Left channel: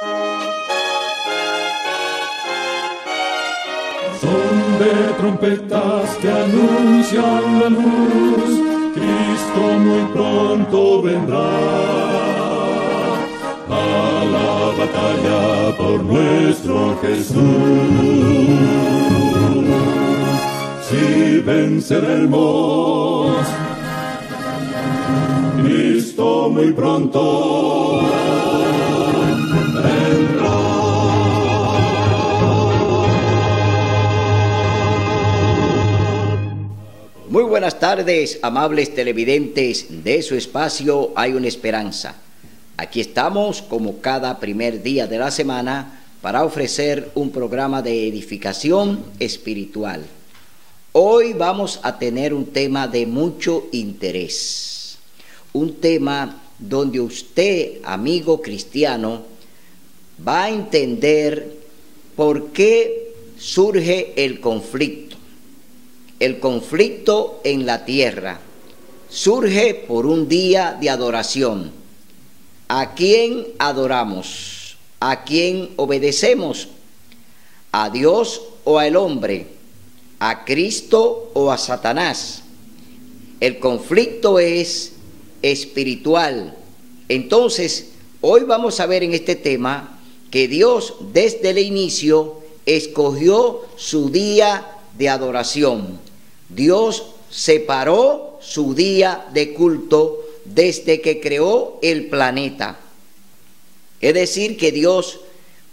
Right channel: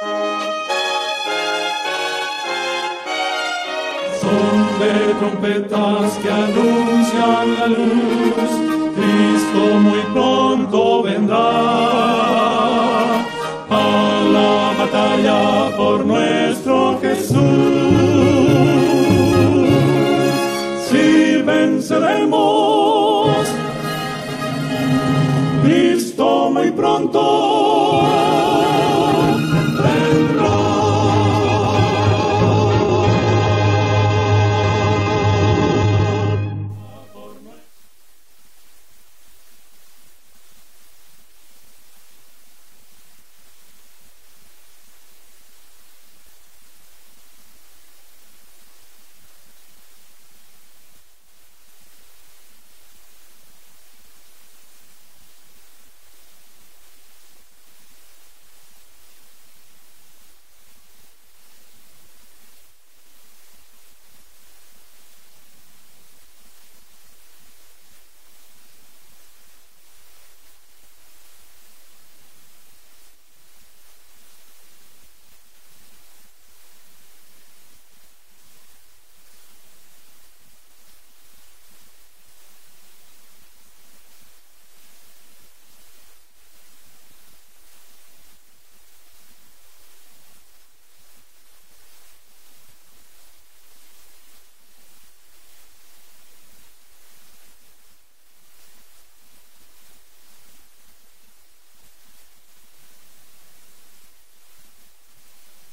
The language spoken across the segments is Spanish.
Son de trompetas que anuncian la luz, Cristo muy pronto vendrá a la batalla por nuestro Jesús. Si venceremos, Cristo muy pronto vendrá. Muy buenas tardes, amables televidentes de su espacio Hay una Esperanza. Aquí estamos como cada primer día de la semana para ofrecer un programa de edificación espiritual. Hoy vamos a tener un tema de mucho interés, un tema donde usted, amigo cristiano, va a entender por qué surge el conflicto. El conflicto en la tierra surge por un día de adoración. ¿A quién adoramos? ¿A quién obedecemos? ¿A Dios o al hombre? ¿A Cristo o a Satanás? El conflicto es espiritual. Entonces, hoy vamos a ver en este tema que Dios desde el inicio escogió su día de adoración. Dios separó su día de culto desde que creó el planeta. Es decir, que Dios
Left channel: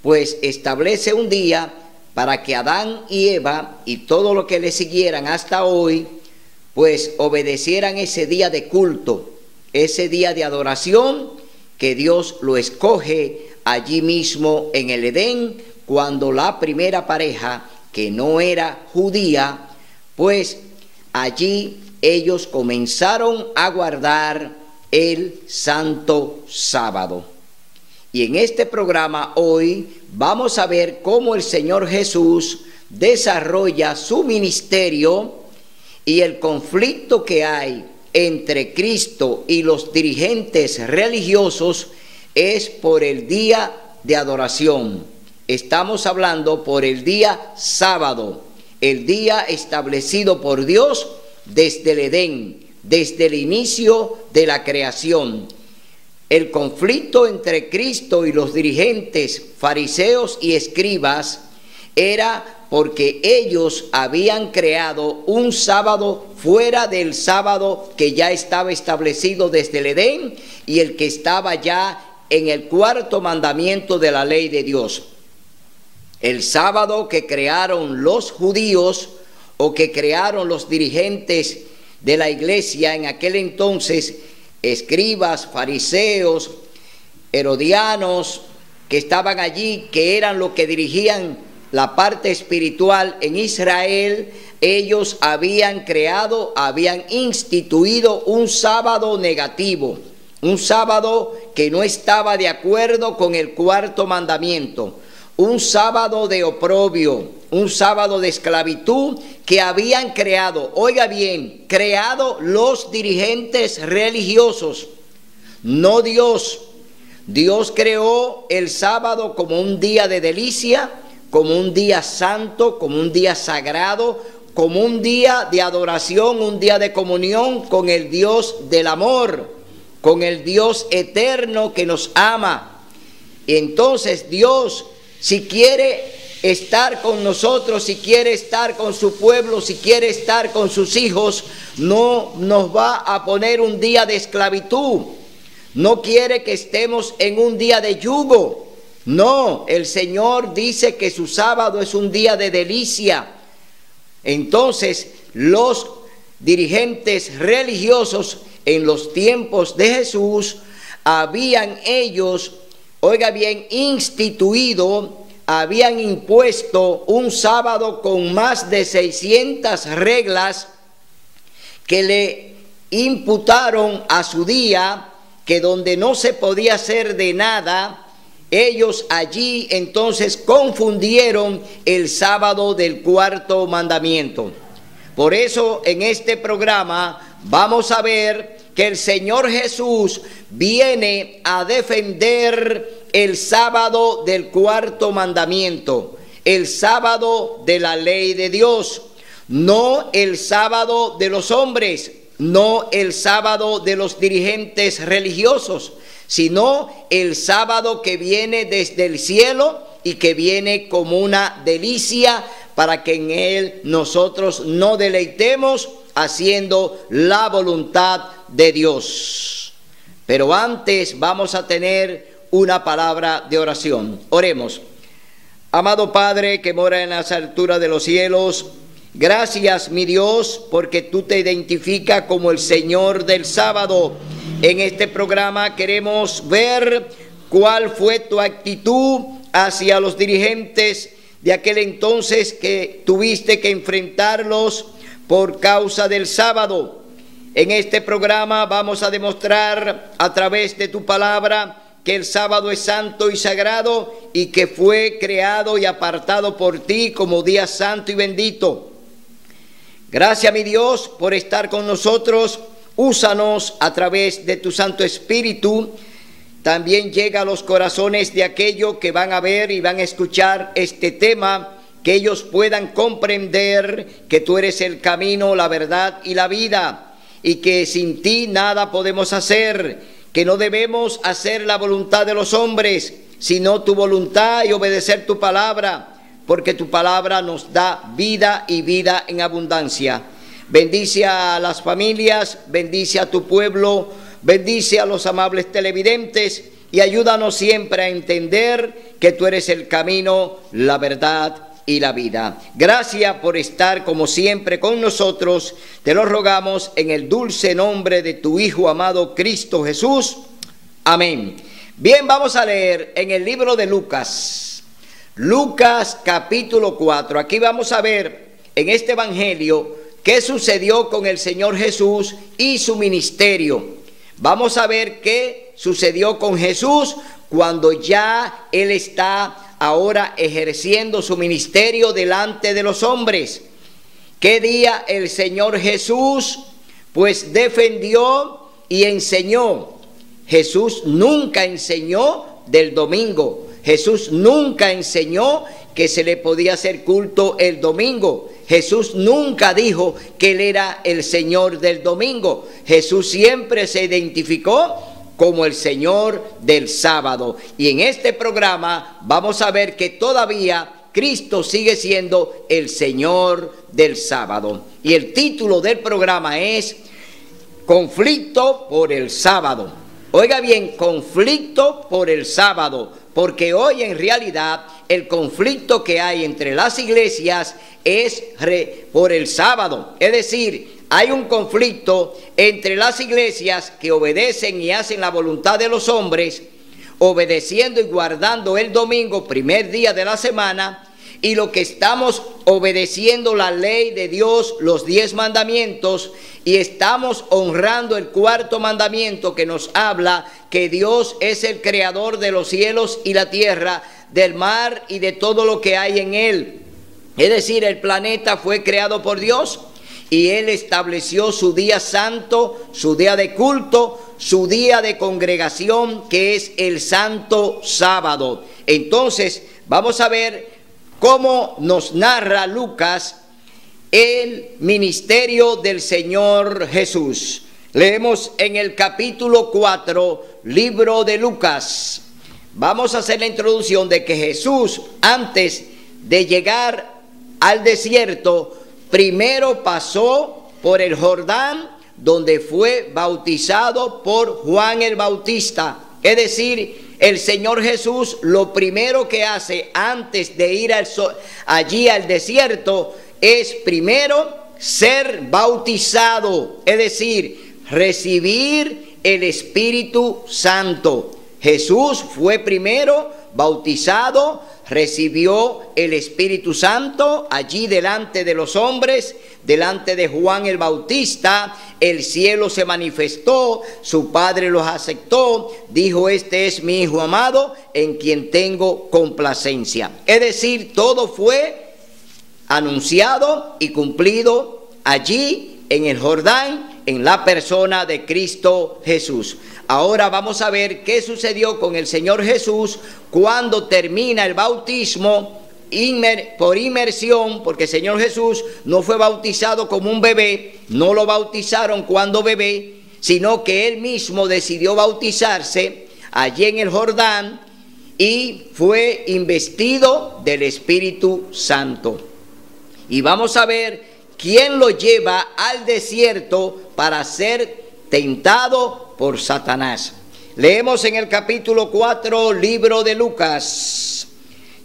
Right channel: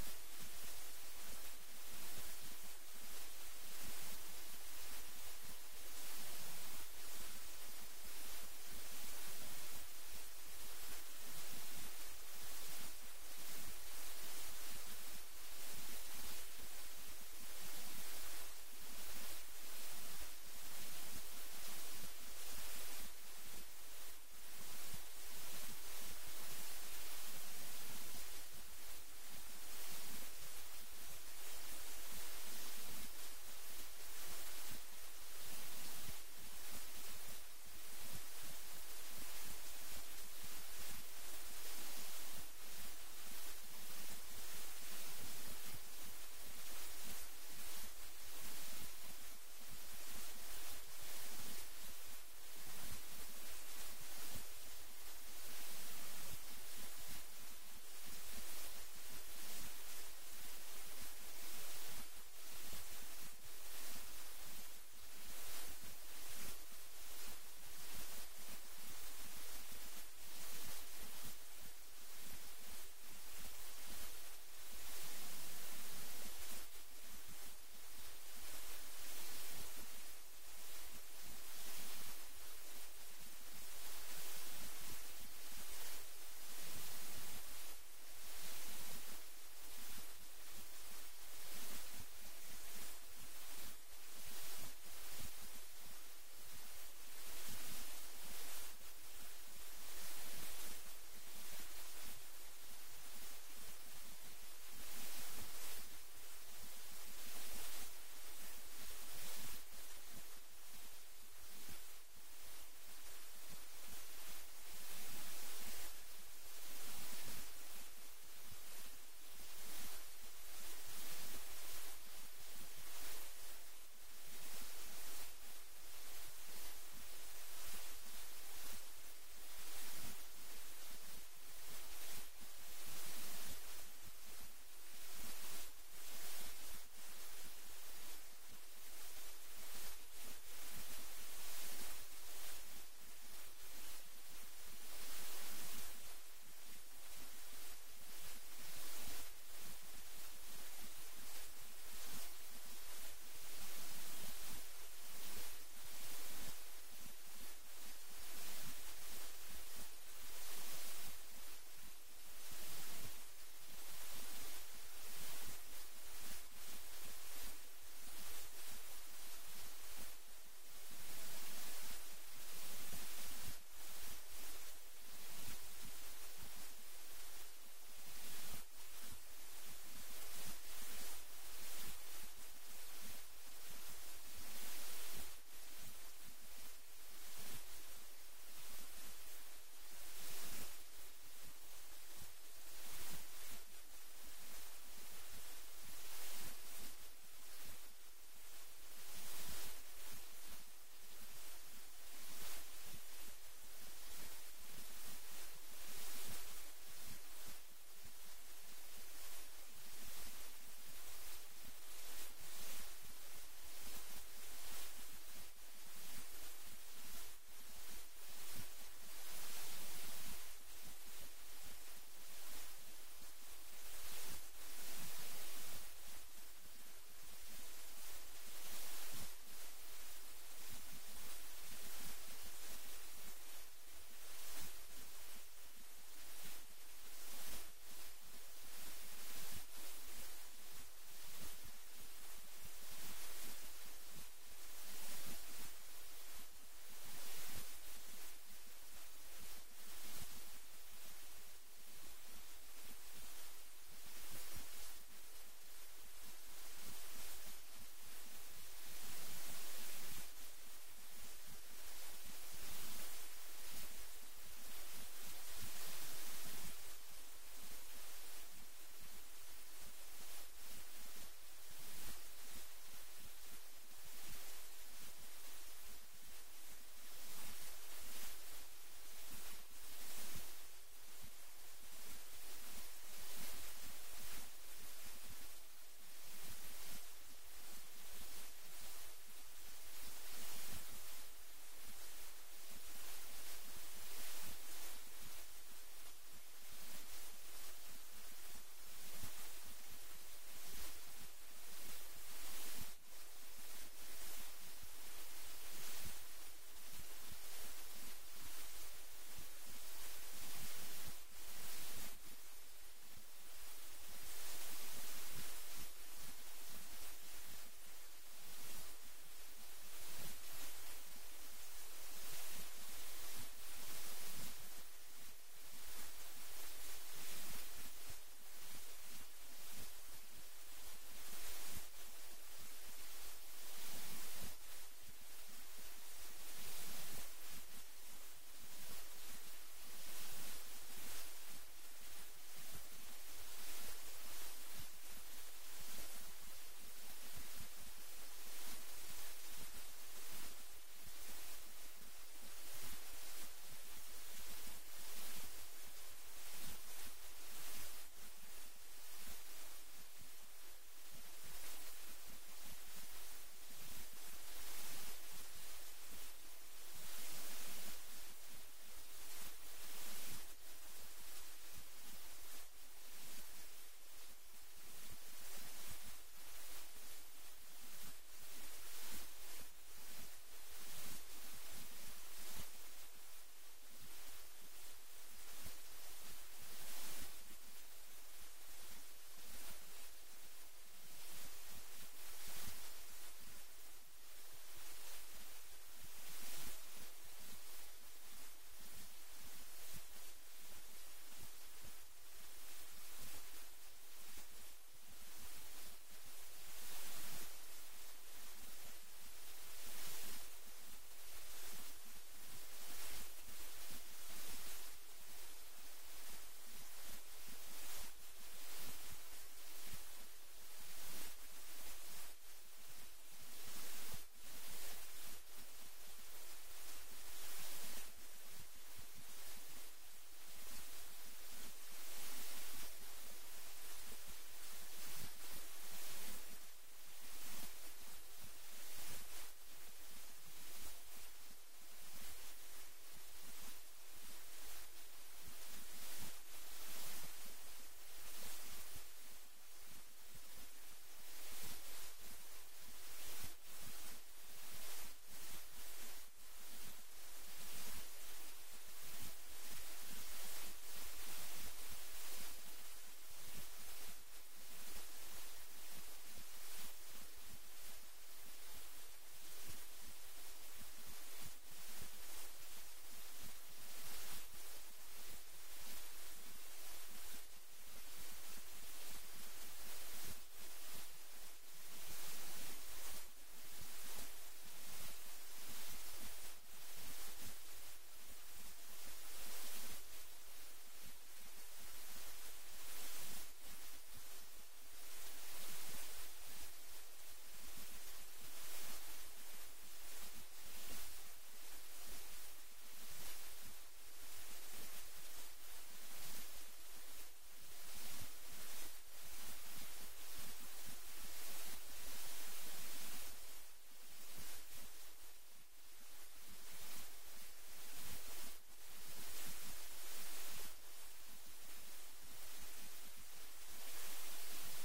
pues establece un día para que Adán y Eva y todo lo que le siguieran hasta hoy pues obedecieran ese día de culto, ese día de adoración que Dios lo escoge allí mismo en el Edén, cuando la primera pareja, que no era judía, pues allí ellos comenzaron a guardar el santo sábado. Y en este programa hoy vamos a ver cómo el Señor Jesús desarrolla su ministerio y el conflicto que hay entre Cristo y los dirigentes religiosos es por el día de adoración. Estamos hablando por el día sábado, el día establecido por Dios desde el Edén, desde el inicio de la creación. El conflicto entre Cristo y los dirigentes fariseos y escribas era porque ellos habían creado un sábado fuera del sábado que ya estaba establecido desde el Edén y el que estaba ya en el cuarto mandamiento de la ley de Dios. El sábado que crearon los judíos o que crearon los dirigentes de la iglesia en aquel entonces, escribas, fariseos, herodianos, que estaban allí, que eran los que dirigían la parte espiritual en Israel, ellos habían creado, habían instituido un sábado negativo, un sábado que no estaba de acuerdo con el cuarto mandamiento, un sábado de oprobio, un sábado de esclavitud que habían creado, oiga bien, creado los dirigentes religiosos, no Dios. Dios creó el sábado como un día de delicia, como un día santo, como un día sagrado, como un día de adoración, un día de comunión con el Dios del amor, con el Dios eterno que nos ama. Y entonces Dios, si quiere estar con nosotros, si quiere estar con su pueblo, si quiere estar con sus hijos, no nos va a poner un día de esclavitud. No quiere que estemos en un día de yugo. No, el Señor dice que su sábado es un día de delicia. Entonces, los dirigentes religiosos en los tiempos de Jesús habían ellos, oiga bien, instituido, habían impuesto un sábado con más de 600 reglas que le imputaron a su día, que donde no se podía hacer de nada, ellos allí entonces confundieron el sábado del cuarto mandamiento. Por eso en este programa vamos a ver que el Señor Jesús viene a defender el sábado del cuarto mandamiento, el sábado de la ley de Dios, no el sábado de los hombres, no el sábado de los dirigentes religiosos, sino el sábado que viene desde el cielo y que viene como una delicia para que en él nosotros nos deleitemos haciendo la voluntad de Dios. Pero antes vamos a tener una palabra de oración. Oremos. Amado Padre que mora en las alturas de los cielos, gracias, mi Dios, porque tú te identificas como el Señor del sábado. En este programa queremos ver cuál fue tu actitud hacia los dirigentes de aquel entonces que tuviste que enfrentarlos por causa del sábado. En este programa vamos a demostrar a través de tu palabra que el sábado es santo y sagrado y que fue creado y apartado por ti como día santo y bendito. Gracias, mi Dios, por estar con nosotros. Úsanos a través de tu Santo Espíritu. También llega a los corazones de aquellos que van a ver y van a escuchar este tema, que ellos puedan comprender que tú eres el camino, la verdad y la vida, y que sin ti nada podemos hacer, que no debemos hacer la voluntad de los hombres, sino tu voluntad y obedecer tu palabra, porque tu palabra nos da vida y vida en abundancia. Bendice a las familias, bendice a tu pueblo, bendice a los amables televidentes y ayúdanos siempre a entender que tú eres el camino, la verdad y la vida. Gracias por estar como siempre con nosotros. Te lo rogamos en el dulce nombre de tu Hijo amado Cristo Jesús. Amén. Bien, vamos a leer en el libro de Lucas. Lucas capítulo 4. Aquí vamos a ver en este evangelio qué sucedió con el Señor Jesús y su ministerio. Vamos a ver qué sucedió con Jesús cuando ya Él está ahora ejerciendo su ministerio delante de los hombres. ¿Qué día el Señor Jesús pues defendió y enseñó? Jesús nunca enseñó del domingo. Jesús nunca enseñó que se le podía hacer culto el domingo. Jesús nunca dijo que Él era el Señor del domingo. Jesús siempre se identificó como el Señor del sábado. Y en este programa vamos a ver que todavía Cristo sigue siendo el Señor del sábado. Y el título del programa es Conflicto por el sábado. Oiga bien, conflicto por el sábado, porque hoy en realidad el conflicto que hay entre las iglesias es por el sábado. Es decir, hay un conflicto entre las iglesias que obedecen y hacen la voluntad de los hombres, obedeciendo y guardando el domingo, primer día de la semana, y lo que estamos obedeciendo la ley de Dios, los 10 mandamientos, y estamos honrando el cuarto mandamiento que nos habla que Dios es el creador de los cielos y la tierra, del mar y de todo lo que hay en él. Es decir, el planeta fue creado por Dios y Él estableció su día santo, su día de culto, su día de congregación, que es el santo sábado. Entonces, vamos a ver cómo nos narra Lucas el ministerio del Señor Jesús. Leemos en el capítulo 4, libro de Lucas. Vamos a hacer la introducción de que Jesús, antes de llegar al desierto, primero pasó por el Jordán, donde fue bautizado por Juan el Bautista. Es decir, el Señor Jesús lo primero que hace antes de ir allí al desierto es primero ser bautizado, es decir, recibir el Espíritu Santo. Jesús fue primero bautizado, recibió el Espíritu Santo allí delante de los hombres, delante de Juan el Bautista. El cielo se manifestó, su padre los aceptó, dijo: este es mi Hijo amado, en quien tengo complacencia. Es decir, todo fue anunciado y cumplido allí en el Jordán, en la persona de Cristo Jesús. Ahora vamos a ver qué sucedió con el Señor Jesús cuando termina el bautismo por inmersión, porque el Señor Jesús no fue bautizado como un bebé, no lo bautizaron cuando bebé, sino que él mismo decidió bautizarse allí en el Jordán y fue investido del Espíritu Santo. Y vamos a ver quién lo lleva al desierto para ser tentado por Satanás. Leemos en el capítulo 4, libro de Lucas.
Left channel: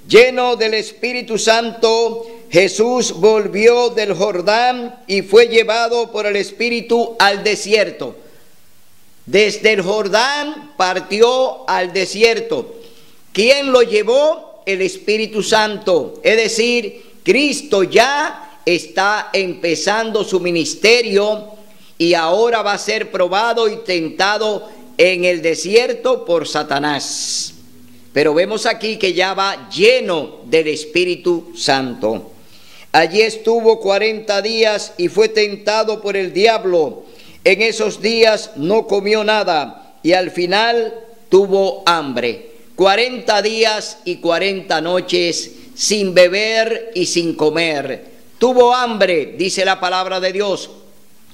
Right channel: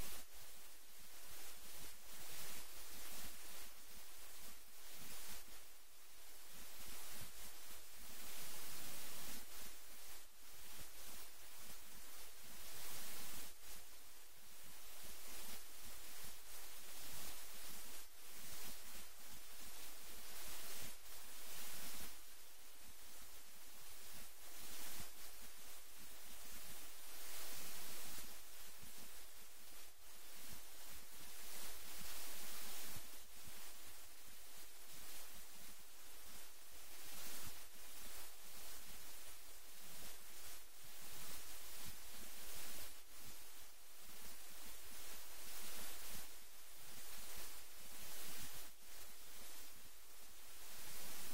Lleno del Espíritu Santo, Jesús volvió del Jordán y fue llevado por el Espíritu al desierto. Desde el Jordán partió al desierto. ¿Quién lo llevó? El Espíritu Santo. Es decir, Cristo ya está empezando su ministerio y ahora va a ser probado y tentado en el desierto por Satanás. Pero vemos aquí que ya va lleno del Espíritu Santo. Allí estuvo 40 días y fue tentado por el diablo. En esos días no comió nada y al final tuvo hambre. 40 días y 40 noches sin beber y sin comer. Tuvo hambre, dice la palabra de Dios.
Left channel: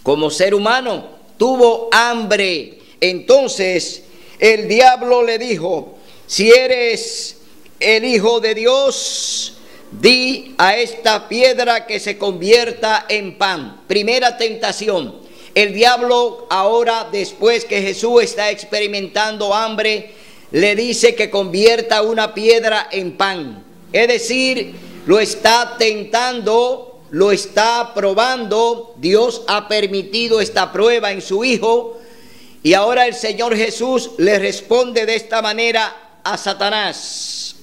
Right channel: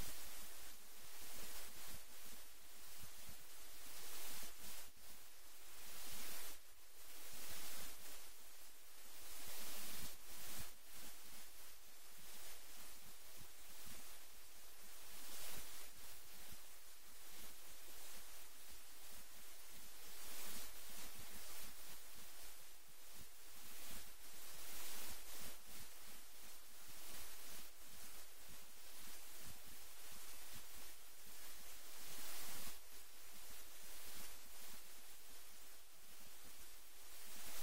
Como ser humano, tuvo hambre. Entonces el diablo le dijo: si eres el Hijo de Dios, di a esta piedra que se convierta en pan. Primera tentación. El diablo ahora, después que Jesús está experimentando hambre, le dice que convierta una piedra en pan. Es decir, lo está tentando, lo está probando. Dios ha permitido esta prueba en su Hijo. Y ahora el Señor Jesús le responde de esta manera a Satanás.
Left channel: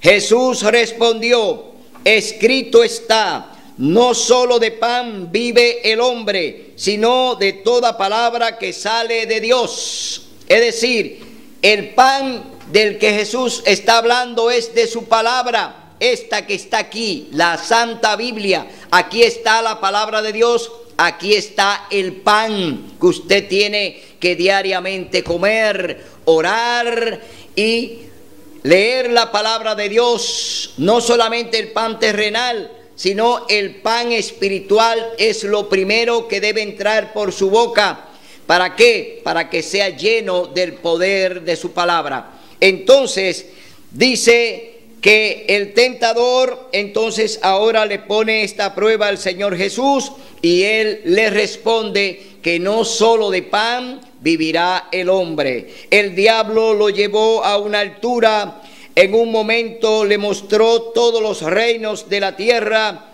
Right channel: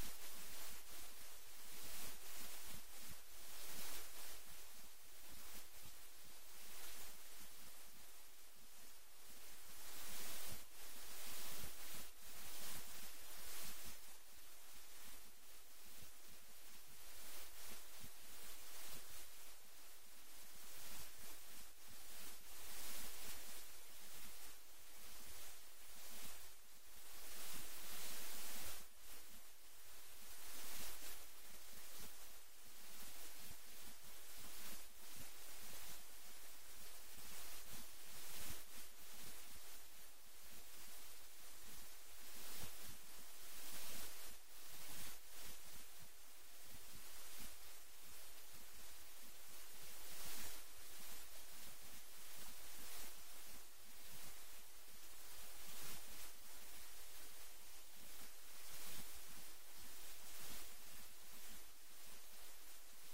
Jesús respondió: escrito está, no solo de pan vive el hombre, sino de toda palabra que sale de Dios. Es decir, el pan del que Jesús está hablando es de su palabra, esta que está aquí, la Santa Biblia. Aquí está la palabra de Dios, aquí está el pan que usted tiene que diariamente comer, orar y leer la palabra de Dios. No solamente el pan terrenal, sino el pan espiritual es lo primero que debe entrar por su boca. ¿Para qué? Para que sea lleno del poder de su palabra. Entonces dice que el tentador entonces ahora le pone esta prueba al Señor Jesús y él le responde que no solo de pan vivirá el hombre. El diablo lo llevó a una altura, en un momento le mostró todos los reinos de la tierra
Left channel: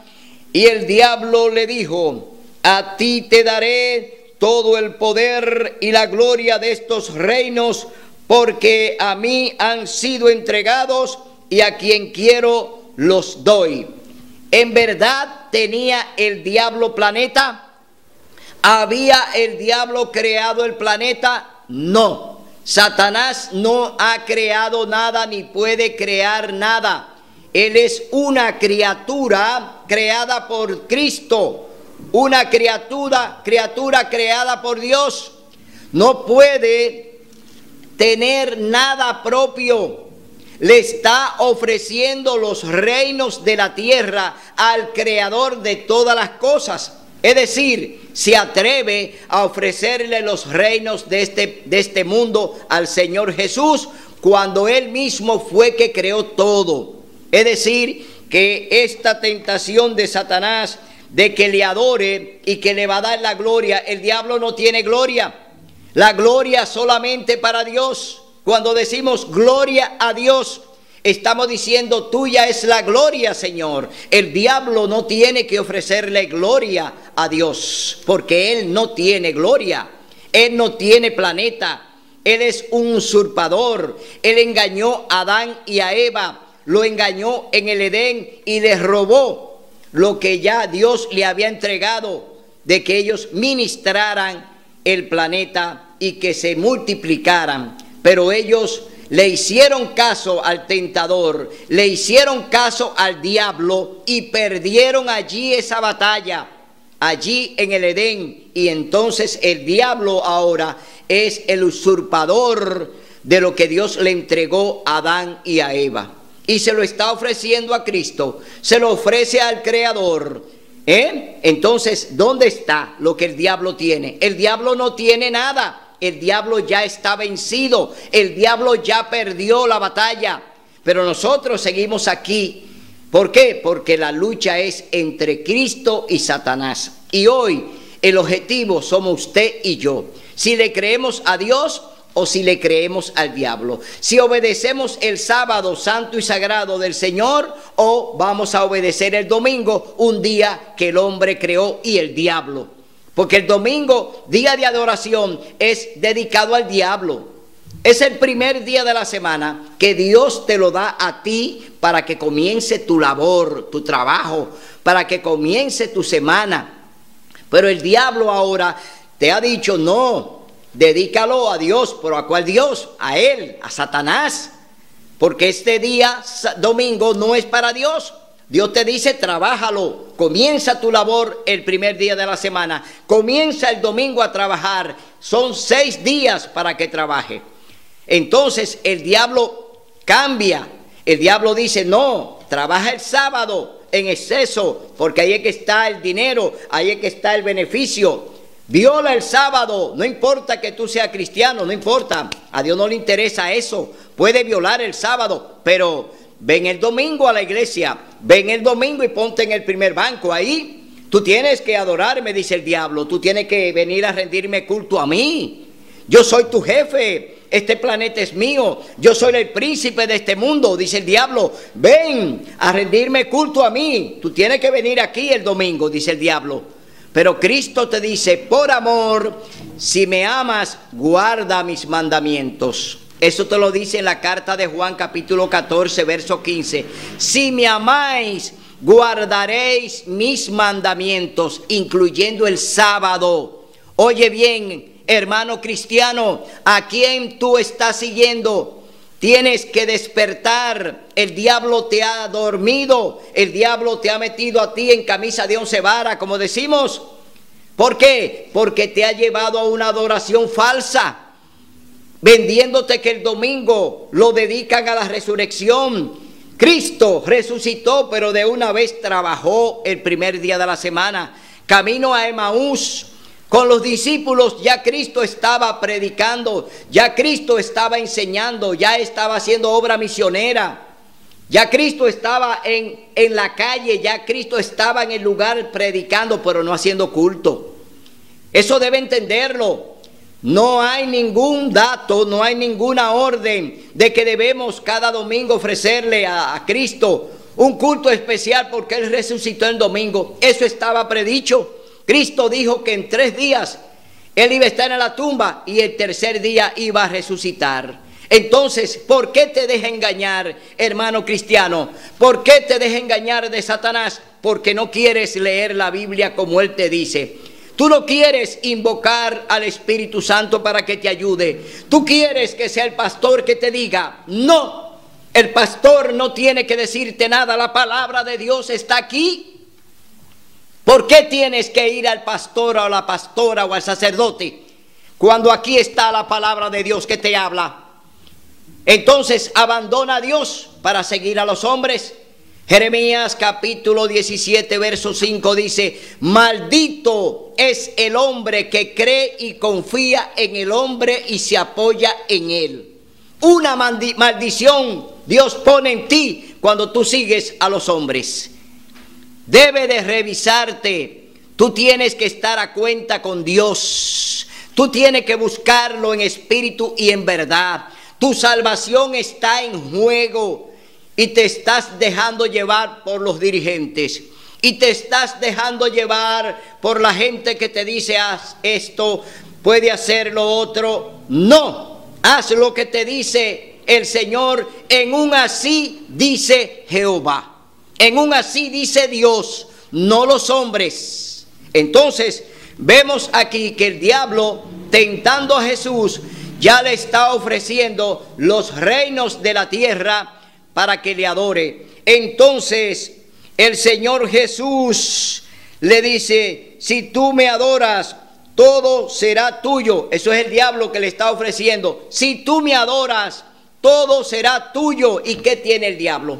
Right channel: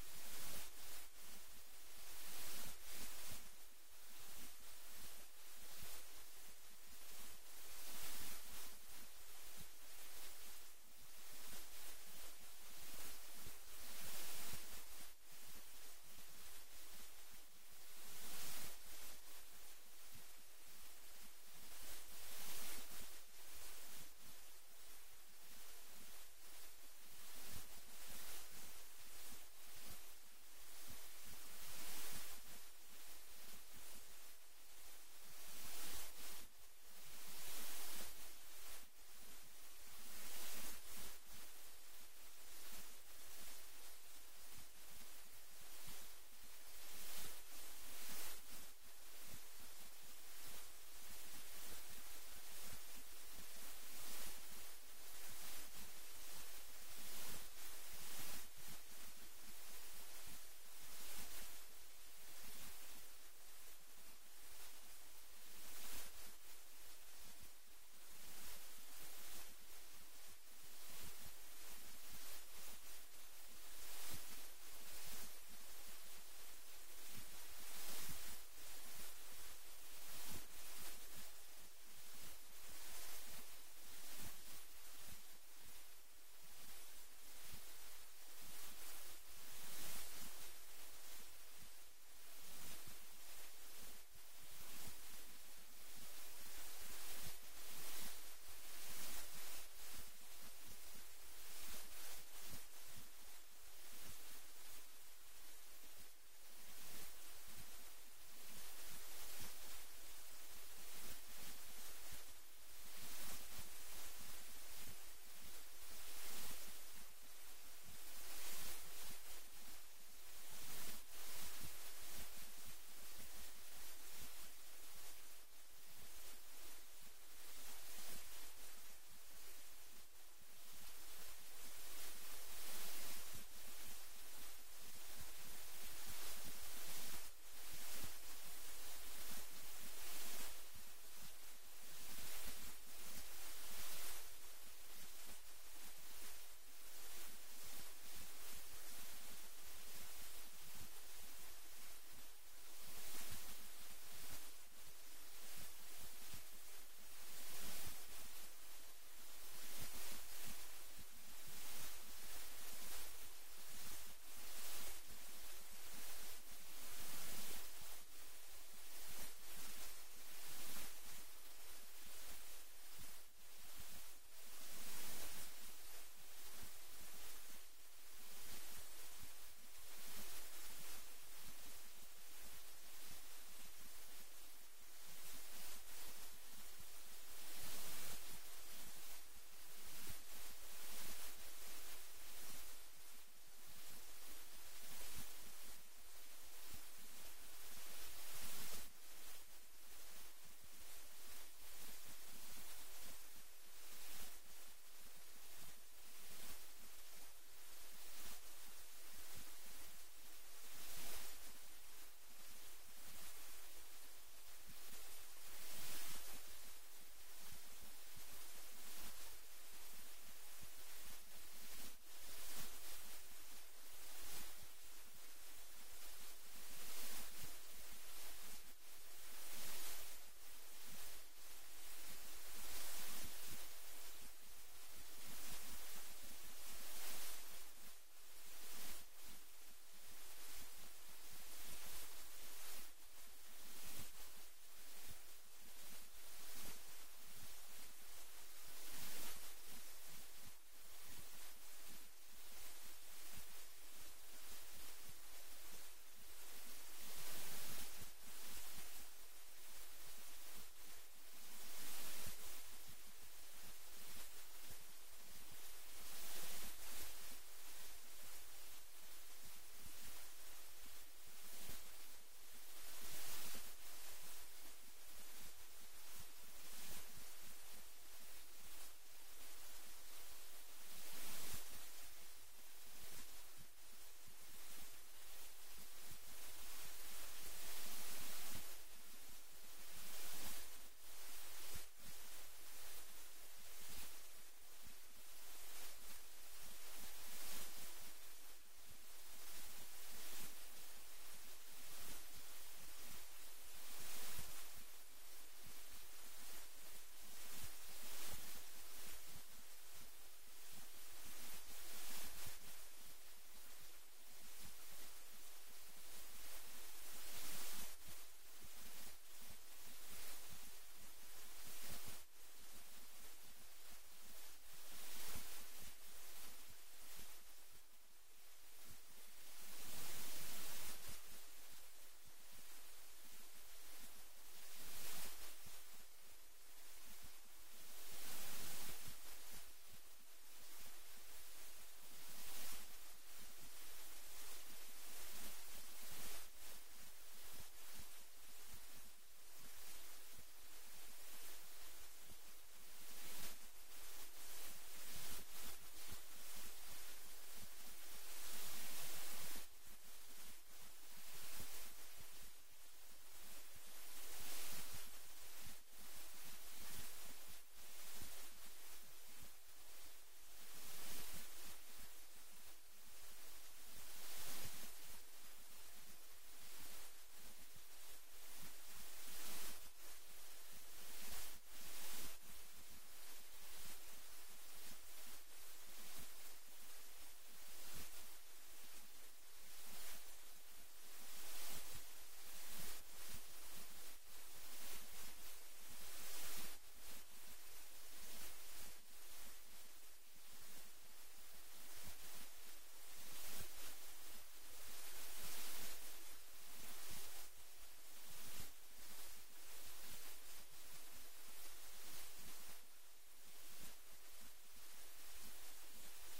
y el diablo le dijo: a ti te daré todo el poder y la gloria de estos reinos, porque a mí han sido entregados y a quien quiero los doy. ¿En verdad tenía el diablo planeta? ¿Había el diablo creado el planeta? No. Satanás no ha creado nada ni puede crear nada. Él es una criatura creada por Cristo, una criatura creada por Dios. No puede tener nada propio. Le está ofreciendo los reinos de la tierra al creador de todas las cosas. Es decir, se atreve a ofrecerle los reinos de este mundo al Señor Jesús, cuando Él mismo fue que creó todo. Es decir, que esta tentación de Satanás de que le adore y que le va a dar la gloria, el diablo no tiene gloria. La gloria solamente para Dios. Cuando decimos gloria a Dios, estamos diciendo tuya es la gloria, Señor. El diablo no tiene que ofrecerle gloria a Dios, porque él no tiene gloria. Él no tiene planeta. Él es un usurpador. Él engañó a Adán y a Eva. Lo engañó en el Edén y les robó lo que ya Dios le había entregado, de que ellos ministraran el planeta y que se multiplicaran. Pero ellos le hicieron caso al tentador, le hicieron caso al diablo y perdieron allí esa batalla. allí en el Edén, y entonces el diablo ahora es el usurpador de lo que Dios le entregó a Adán y a Eva, y se lo está ofreciendo a Cristo, se lo ofrece al Creador. Entonces, ¿dónde está lo que el diablo tiene? El diablo no tiene nada, el diablo ya está vencido, el diablo ya perdió la batalla, pero nosotros seguimos aquí. ¿Por qué? Porque la lucha es entre Cristo y Satanás, y hoy el objetivo somos usted y yo, si le creemos a Dios o si le creemos al diablo, si obedecemos el sábado santo y sagrado del Señor o vamos a obedecer el domingo, un día que el hombre creó y el diablo, porque el domingo, día de adoración, es dedicado al diablo. Es el primer día de la semana que Dios te lo da a ti para que comience tu labor, tu trabajo, para que comience tu semana. Pero el diablo ahora te ha dicho: no, dedícalo a Dios. ¿Pero a cuál Dios? A él, a Satanás. Porque este día, domingo, no es para Dios. Dios te dice: trabájalo, comienza tu labor el primer día de la semana, comienza el domingo a trabajar. Son 6 días para que trabaje. Entonces el diablo cambia. El diablo dice: no, trabaja el sábado en exceso, porque ahí es que está el dinero, ahí es que está el beneficio. Viola el sábado, no importa que tú seas cristiano, no importa, a Dios no le interesa eso. Puede violar el sábado, pero ven el domingo a la iglesia, ven el domingo y ponte en el primer banco. Ahí tú tienes que adorarme, dice el diablo, tú tienes que venir a rendirme culto a mí. Yo soy tu jefe, este planeta es mío, yo soy el príncipe de este mundo, dice el diablo. Ven a rendirme culto a mí, tú tienes que venir aquí el domingo, dice el diablo. Pero Cristo te dice: por amor, si me amas, guarda mis mandamientos. Eso te lo dice en la carta de Juan capítulo 14, verso 15. Si me amáis, guardaréis mis mandamientos, incluyendo el sábado. Oye bien, hermano cristiano, ¿a quién tú estás siguiendo? Tienes que despertar. El diablo te ha dormido, el diablo te ha metido a ti en camisa de 11 varas, como decimos. ¿Por qué? Porque te ha llevado a una adoración falsa, vendiéndote que el domingo lo dedican a la resurrección. Cristo resucitó, pero de una vez trabajó el primer día de la semana. Camino a Emaús, con los discípulos, ya Cristo estaba predicando, ya Cristo estaba enseñando, ya estaba haciendo obra misionera, ya Cristo estaba en la calle, ya Cristo estaba en el lugar predicando, pero no haciendo culto. Eso debe entenderlo. No hay ningún dato, no hay ninguna orden de que debemos cada domingo ofrecerle a Cristo un culto especial porque Él resucitó el domingo. Eso estaba predicho. Cristo dijo que en 3 días Él iba a estar en la tumba y el tercer día iba a resucitar. Entonces, ¿por qué te deja engañar, hermano cristiano? ¿Por qué te deja engañar de Satanás? Porque no quieres leer la Biblia como Él te dice. Tú no quieres invocar al Espíritu Santo para que te ayude. Tú quieres que sea el pastor que te diga. No, el pastor no tiene que decirte nada. La palabra de Dios está aquí. ¿Por qué tienes que ir al pastor o a la pastora o al sacerdote cuando aquí está la palabra de Dios que te habla? Entonces abandona a Dios para seguir a los hombres. Jeremías capítulo 17 verso 5 dice: maldito es el hombre que cree y confía en el hombre y se apoya en él. Una maldición Dios pone en ti cuando tú sigues a los hombres. Debe de revisarte. Tú tienes que estar a cuenta con Dios. Tú tienes que buscarlo en espíritu y en verdad. Tu salvación está en juego y te estás dejando llevar por los dirigentes. Y te estás dejando llevar por la gente que te dice: haz esto, puede hacer lo otro. No, haz lo que te dice el Señor. En un así dice Jehová. En un así dice Dios, no los hombres. Entonces vemos aquí que el diablo, tentando a Jesús, ya le está ofreciendo los reinos de la tierra para que le adore. Entonces el Señor Jesús le dice, si tú me adoras, todo será tuyo. Eso es el diablo que le está ofreciendo. Si tú me adoras, todo será tuyo. ¿Y qué tiene el diablo?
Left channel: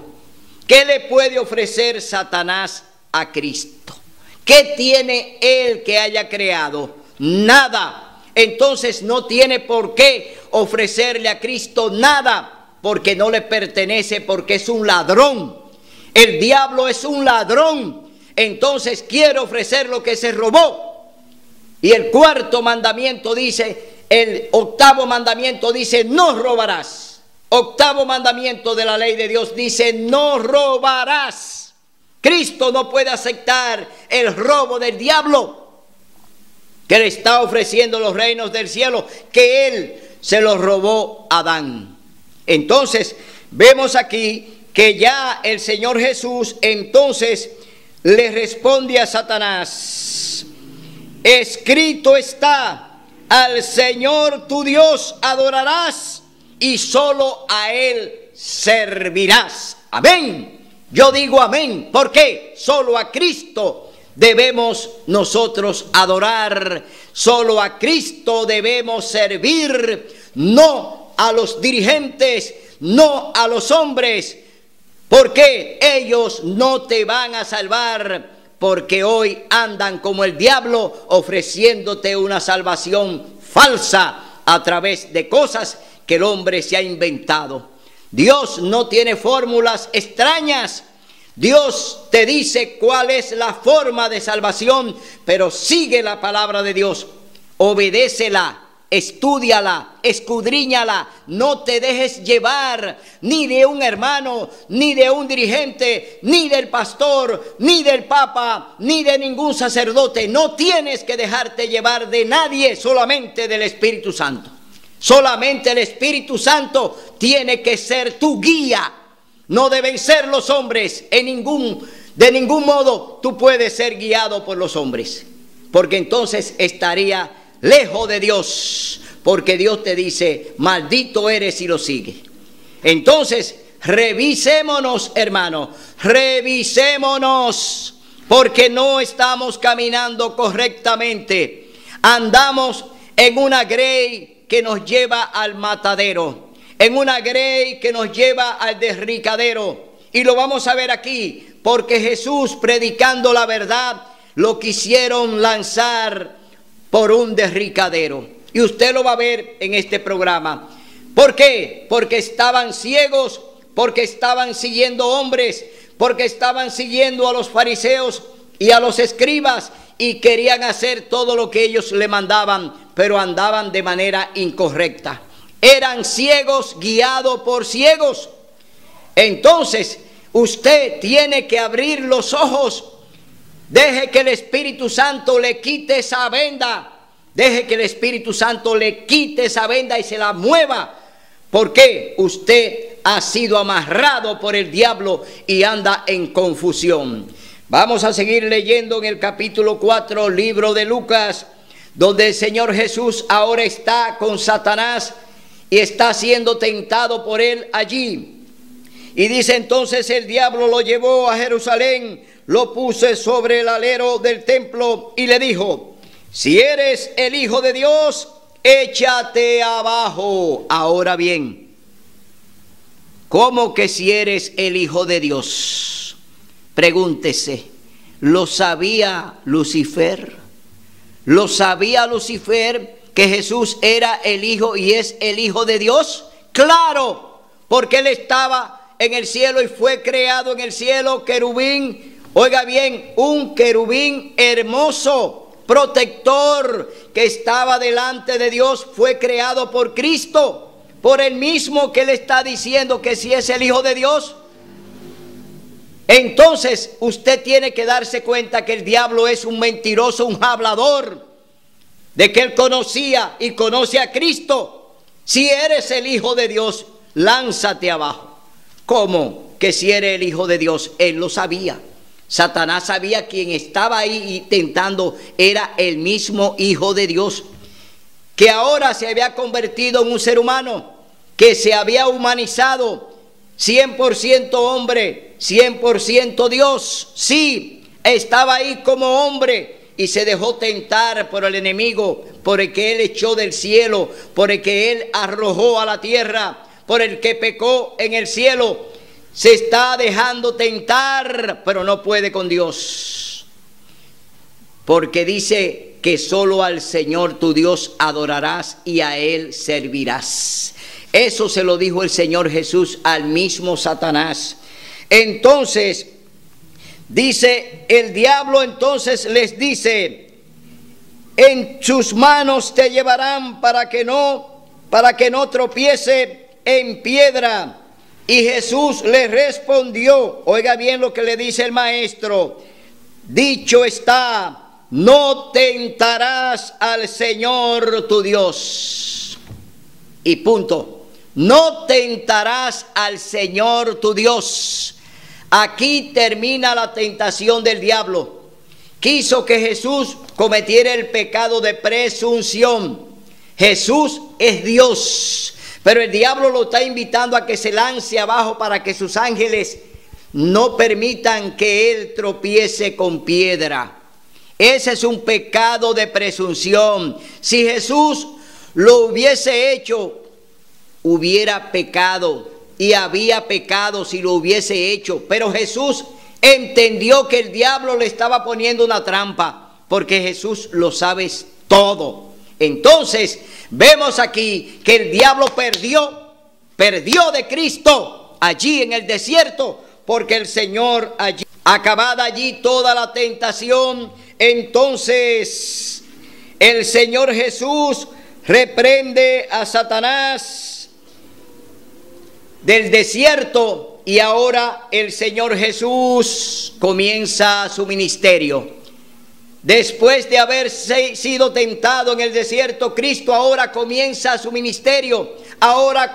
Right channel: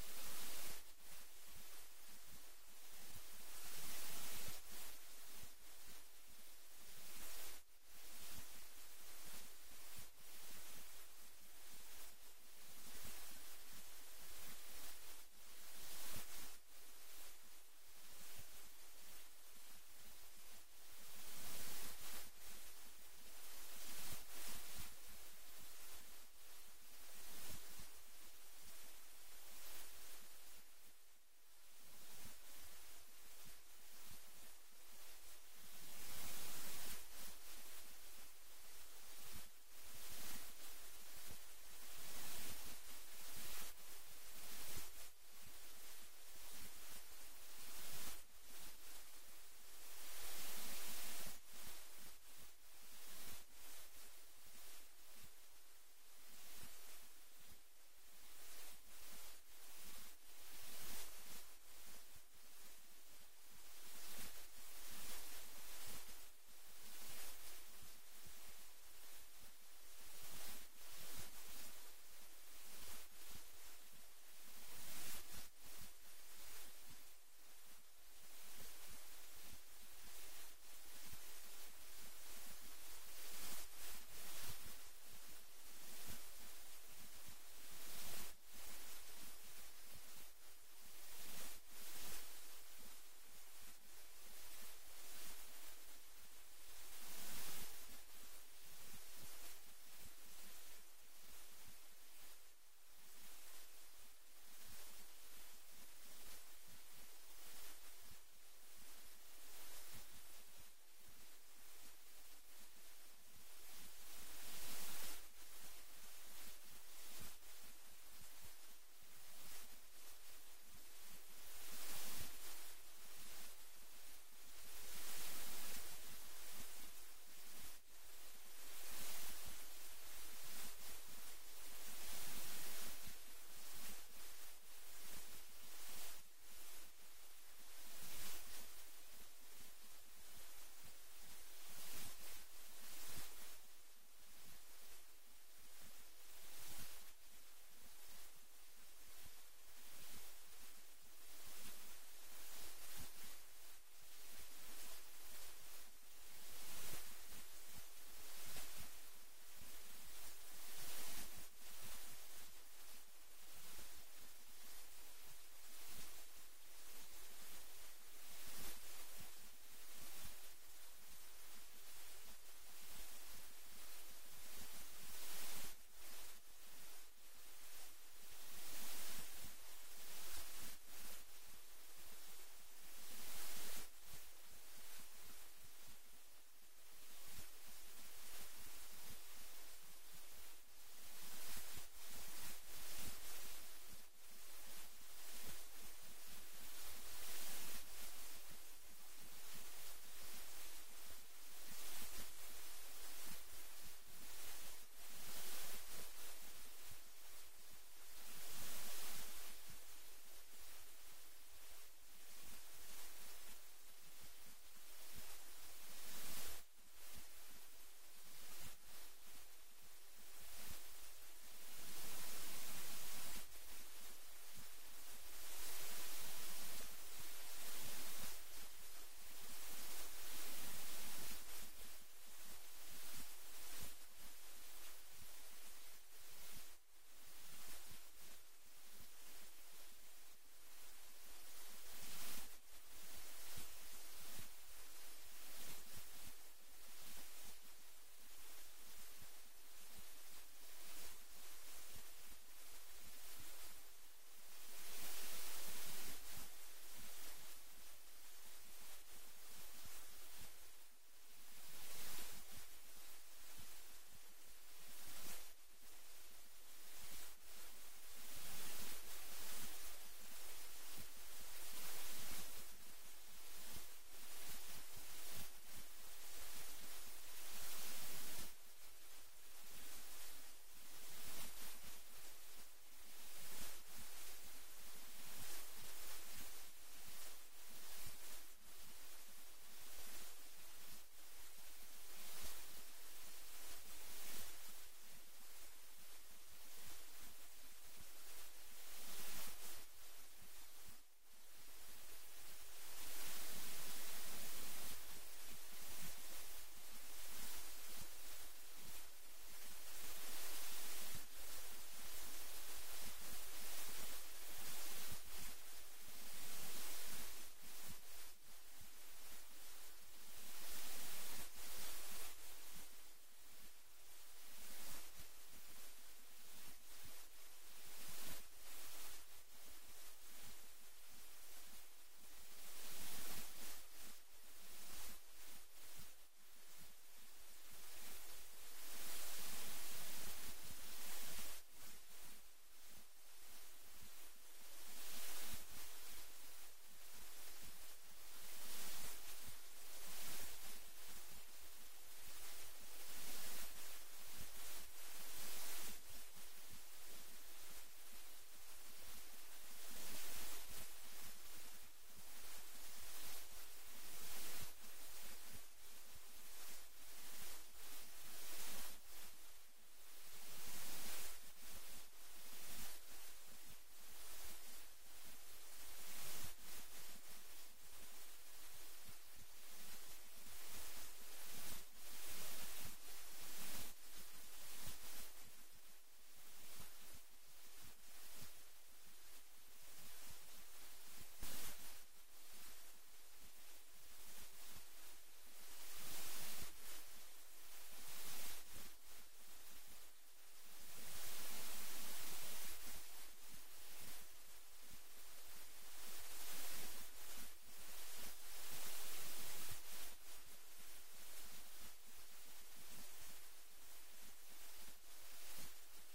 ¿Qué le puede ofrecer Satanás a Cristo? ¿Qué tiene él que haya creado? Nada. Entonces no tiene por qué ofrecerle a Cristo nada, porque no le pertenece, porque es un ladrón. El diablo es un ladrón. Entonces quiere ofrecer lo que se robó. Y el cuarto mandamiento dice, el octavo mandamiento dice, no robarás. Octavo mandamiento de la ley de Dios dice, no robarás. Cristo no puede aceptar el robo del diablo, que le está ofreciendo los reinos del cielo, que él se los robó a Adán. Entonces vemos aquí que ya el Señor Jesús entonces le responde a Satanás: escrito está, al Señor tu Dios adorarás y solo a Él servirás. Amén. Yo digo amén. ¿Por qué? Solo a Cristo debemos nosotros adorar. Solo a Cristo debemos servir. No a los dirigentes, no a los hombres. Porque ellos no te van a salvar. Porque hoy andan como el diablo ofreciéndote una salvación falsa a través de cosas que el hombre se ha inventado. Dios no tiene fórmulas extrañas. Dios te dice cuál es la forma de salvación, pero sigue la palabra de Dios, obedécela, estúdiala, escudriñala, no te dejes llevar ni de un hermano, ni de un dirigente, ni del pastor, ni del papa, ni de ningún sacerdote. No tienes que dejarte llevar de nadie, solamente del Espíritu Santo. Solamente el Espíritu Santo tiene que ser tu guía. No deben ser los hombres. De ningún modo tú puedes ser guiado por los hombres, porque entonces estaría lejos de Dios, porque Dios te dice, maldito eres si lo sigues. Entonces, revisémonos, hermano, revisémonos, porque no estamos caminando correctamente. Andamos en una grey que nos lleva al matadero, en una grey que nos lleva al derricadero. Y lo vamos a ver aquí, porque Jesús, predicando la verdad, lo quisieron lanzar por un derricadero. Y usted lo va a ver en este programa. ¿Por qué? Porque estaban ciegos, porque estaban siguiendo hombres, porque estaban siguiendo a los fariseos y a los escribas, y querían hacer todo lo que ellos le mandaban, pero andaban de manera incorrecta. Eran ciegos guiados por ciegos. Entonces, usted tiene que abrir los ojos. Deje que el Espíritu Santo le quite esa venda. Deje que el Espíritu Santo le quite esa venda y se la mueva. Porque usted ha sido amarrado por el diablo y anda en confusión. Vamos a seguir leyendo en el capítulo 4, libro de Lucas, donde el Señor Jesús ahora está con Satanás y está siendo tentado por él allí. Y dice entonces: el diablo lo llevó a Jerusalén, lo puso sobre el alero del templo y le dijo: si eres el Hijo de Dios, échate abajo. Ahora bien, ¿cómo que si eres el Hijo de Dios? Pregúntese, ¿lo sabía Lucifer? ¿Lo sabía Lucifer que Jesús era el Hijo y es el Hijo de Dios? Claro, porque él estaba en el cielo y fue creado en el cielo querubín. Oiga bien, un querubín hermoso, protector, que estaba delante de Dios, fue creado por Cristo, por el mismo que le está diciendo que si es el Hijo de Dios. Entonces usted tiene que darse cuenta que el diablo es un mentiroso, un hablador, de que él conocía y conoce a Cristo. Si eres el Hijo de Dios, lánzate abajo. ¿Cómo que si eres el Hijo de Dios? Él lo sabía. Satanás sabía quien estaba ahí tentando era el mismo Hijo de Dios, que ahora se había convertido en un ser humano, que se había humanizado, 100% hombre, 100% Dios. Sí, estaba ahí como hombre y se dejó tentar por el enemigo, por el que él echó del cielo, por el que él arrojó a la tierra, por el que pecó en el cielo. Se está dejando tentar, pero no puede con Dios, porque dice que solo al Señor tu Dios adorarás y a Él servirás. Eso se lo dijo el Señor Jesús al mismo Satanás. Entonces, dice el diablo, entonces les dice: en sus manos te llevarán para que no tropiece en piedra. Y Jesús le respondió, oiga bien lo que le dice el maestro: dicho está, no tentarás al Señor tu Dios. Y punto. No tentarás al Señor tu Dios. Aquí termina la tentación del diablo. Quiso que Jesús cometiera el pecado de presunción. Jesús es Dios, pero el diablo lo está invitando a que se lance abajo para que sus ángeles no permitan que él tropiece con piedra. Ese es un pecado de presunción. Si Jesús lo hubiese hecho, hubiera pecado, y había pecado si lo hubiese hecho. Pero Jesús entendió que el diablo le estaba poniendo una trampa, porque Jesús lo sabe todo. Entonces vemos aquí que el diablo perdió de Cristo allí en el desierto, porque el Señor allí, acabada allí toda la tentación, entonces el Señor Jesús reprende a Satanás del desierto, y ahora el Señor Jesús comienza su ministerio. Después de haber sido tentado en el desierto, Cristo ahora comienza su ministerio. Ahora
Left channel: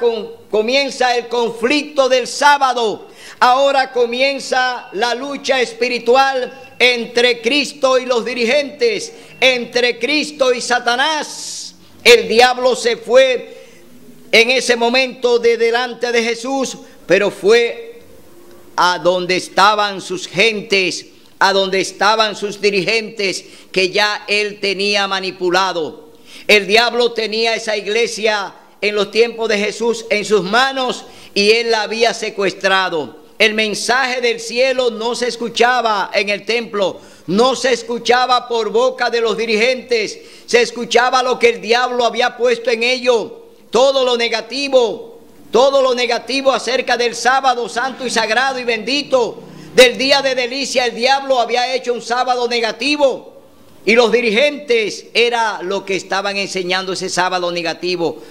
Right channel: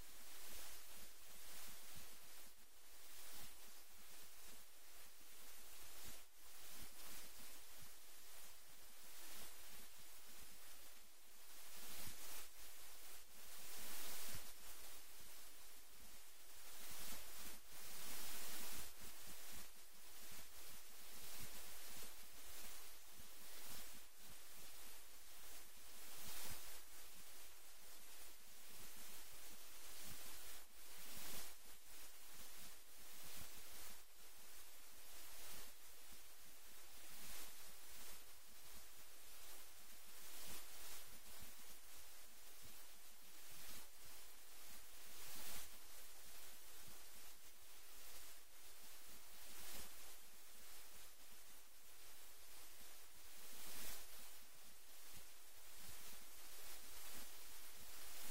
comienza el conflicto del sábado. Ahora comienza la lucha espiritual entre Cristo y los dirigentes, entre Cristo y Satanás. El diablo se fue en ese momento de delante de Jesús, pero fue a donde estaban sus gentes, a donde estaban sus dirigentes, que ya él tenía manipulado. El diablo tenía esa iglesia en los tiempos de Jesús en sus manos, y él la había secuestrado. El mensaje del cielo no se escuchaba en el templo, no se escuchaba por boca de los dirigentes, se escuchaba lo que el diablo había puesto en ello. Todo lo negativo acerca del sábado santo y sagrado y bendito, del día de delicia, el diablo había hecho un sábado negativo, y los dirigentes era lo que estaban enseñando ese sábado negativo,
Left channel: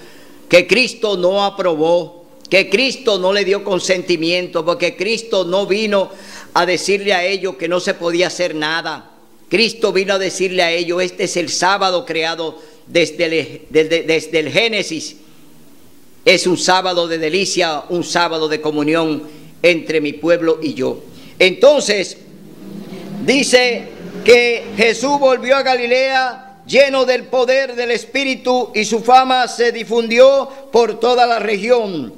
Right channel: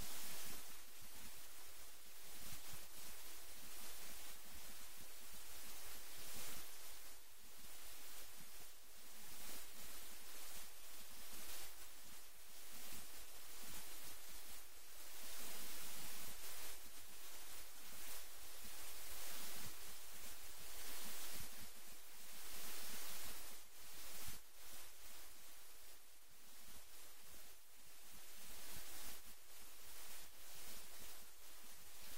que Cristo no aprobó, que Cristo no le dio consentimiento, porque Cristo no vino a decirle a ellos que no se podía hacer nada. Cristo vino a decirle a ellos: este es el sábado creado desde el Génesis. Es un sábado de delicia, un sábado de comunión entre mi pueblo y yo. Entonces, dice que Jesús volvió a Galilea lleno del poder del Espíritu, y su fama se difundió por toda la región.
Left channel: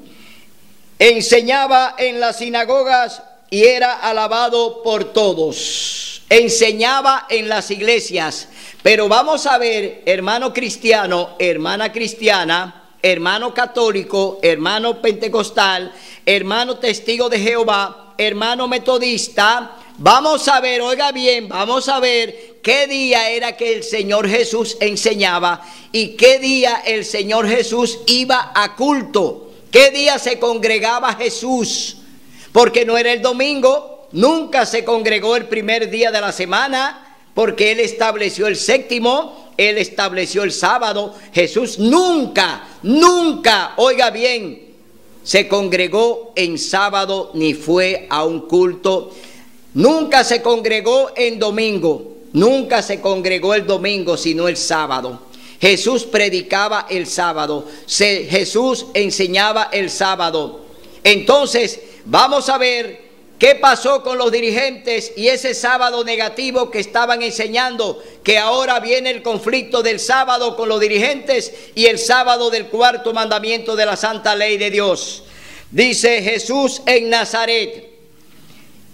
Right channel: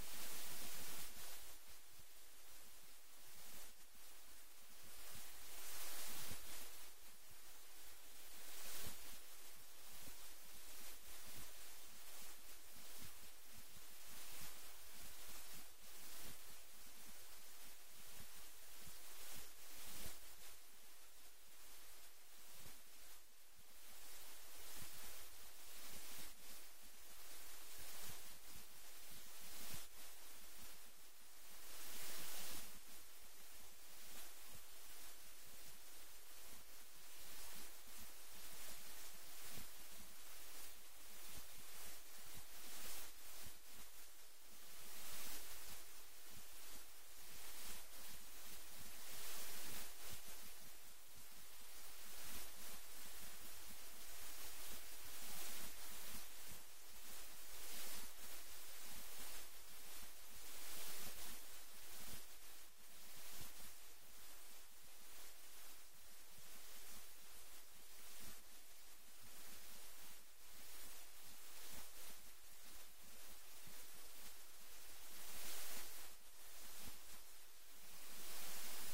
Enseñaba en las sinagogas y era alabado por todos. Enseñaba en las iglesias. Pero vamos a ver, hermano cristiano, hermana cristiana, hermano católico, hermano pentecostal, hermano testigo de Jehová, hermano metodista, vamos a ver, oiga bien, vamos a ver qué día era que el Señor Jesús enseñaba y qué día el Señor Jesús iba a culto, qué día se congregaba Jesús, porque no era el domingo, nunca se congregó el primer día de la semana, porque Él estableció el séptimo, Él estableció el sábado. Jesús nunca, oiga bien, se congregó en sábado ni fue a un culto. Nunca se congregó en domingo, nunca se congregó el domingo, sino el sábado. Jesús predicaba el sábado, Jesús enseñaba el sábado. Entonces, vamos a ver qué pasó con los dirigentes y ese sábado negativo que estaban enseñando, que ahora viene el conflicto del sábado con los dirigentes y el sábado del cuarto mandamiento de la santa ley de Dios. Dice Jesús en Nazaret,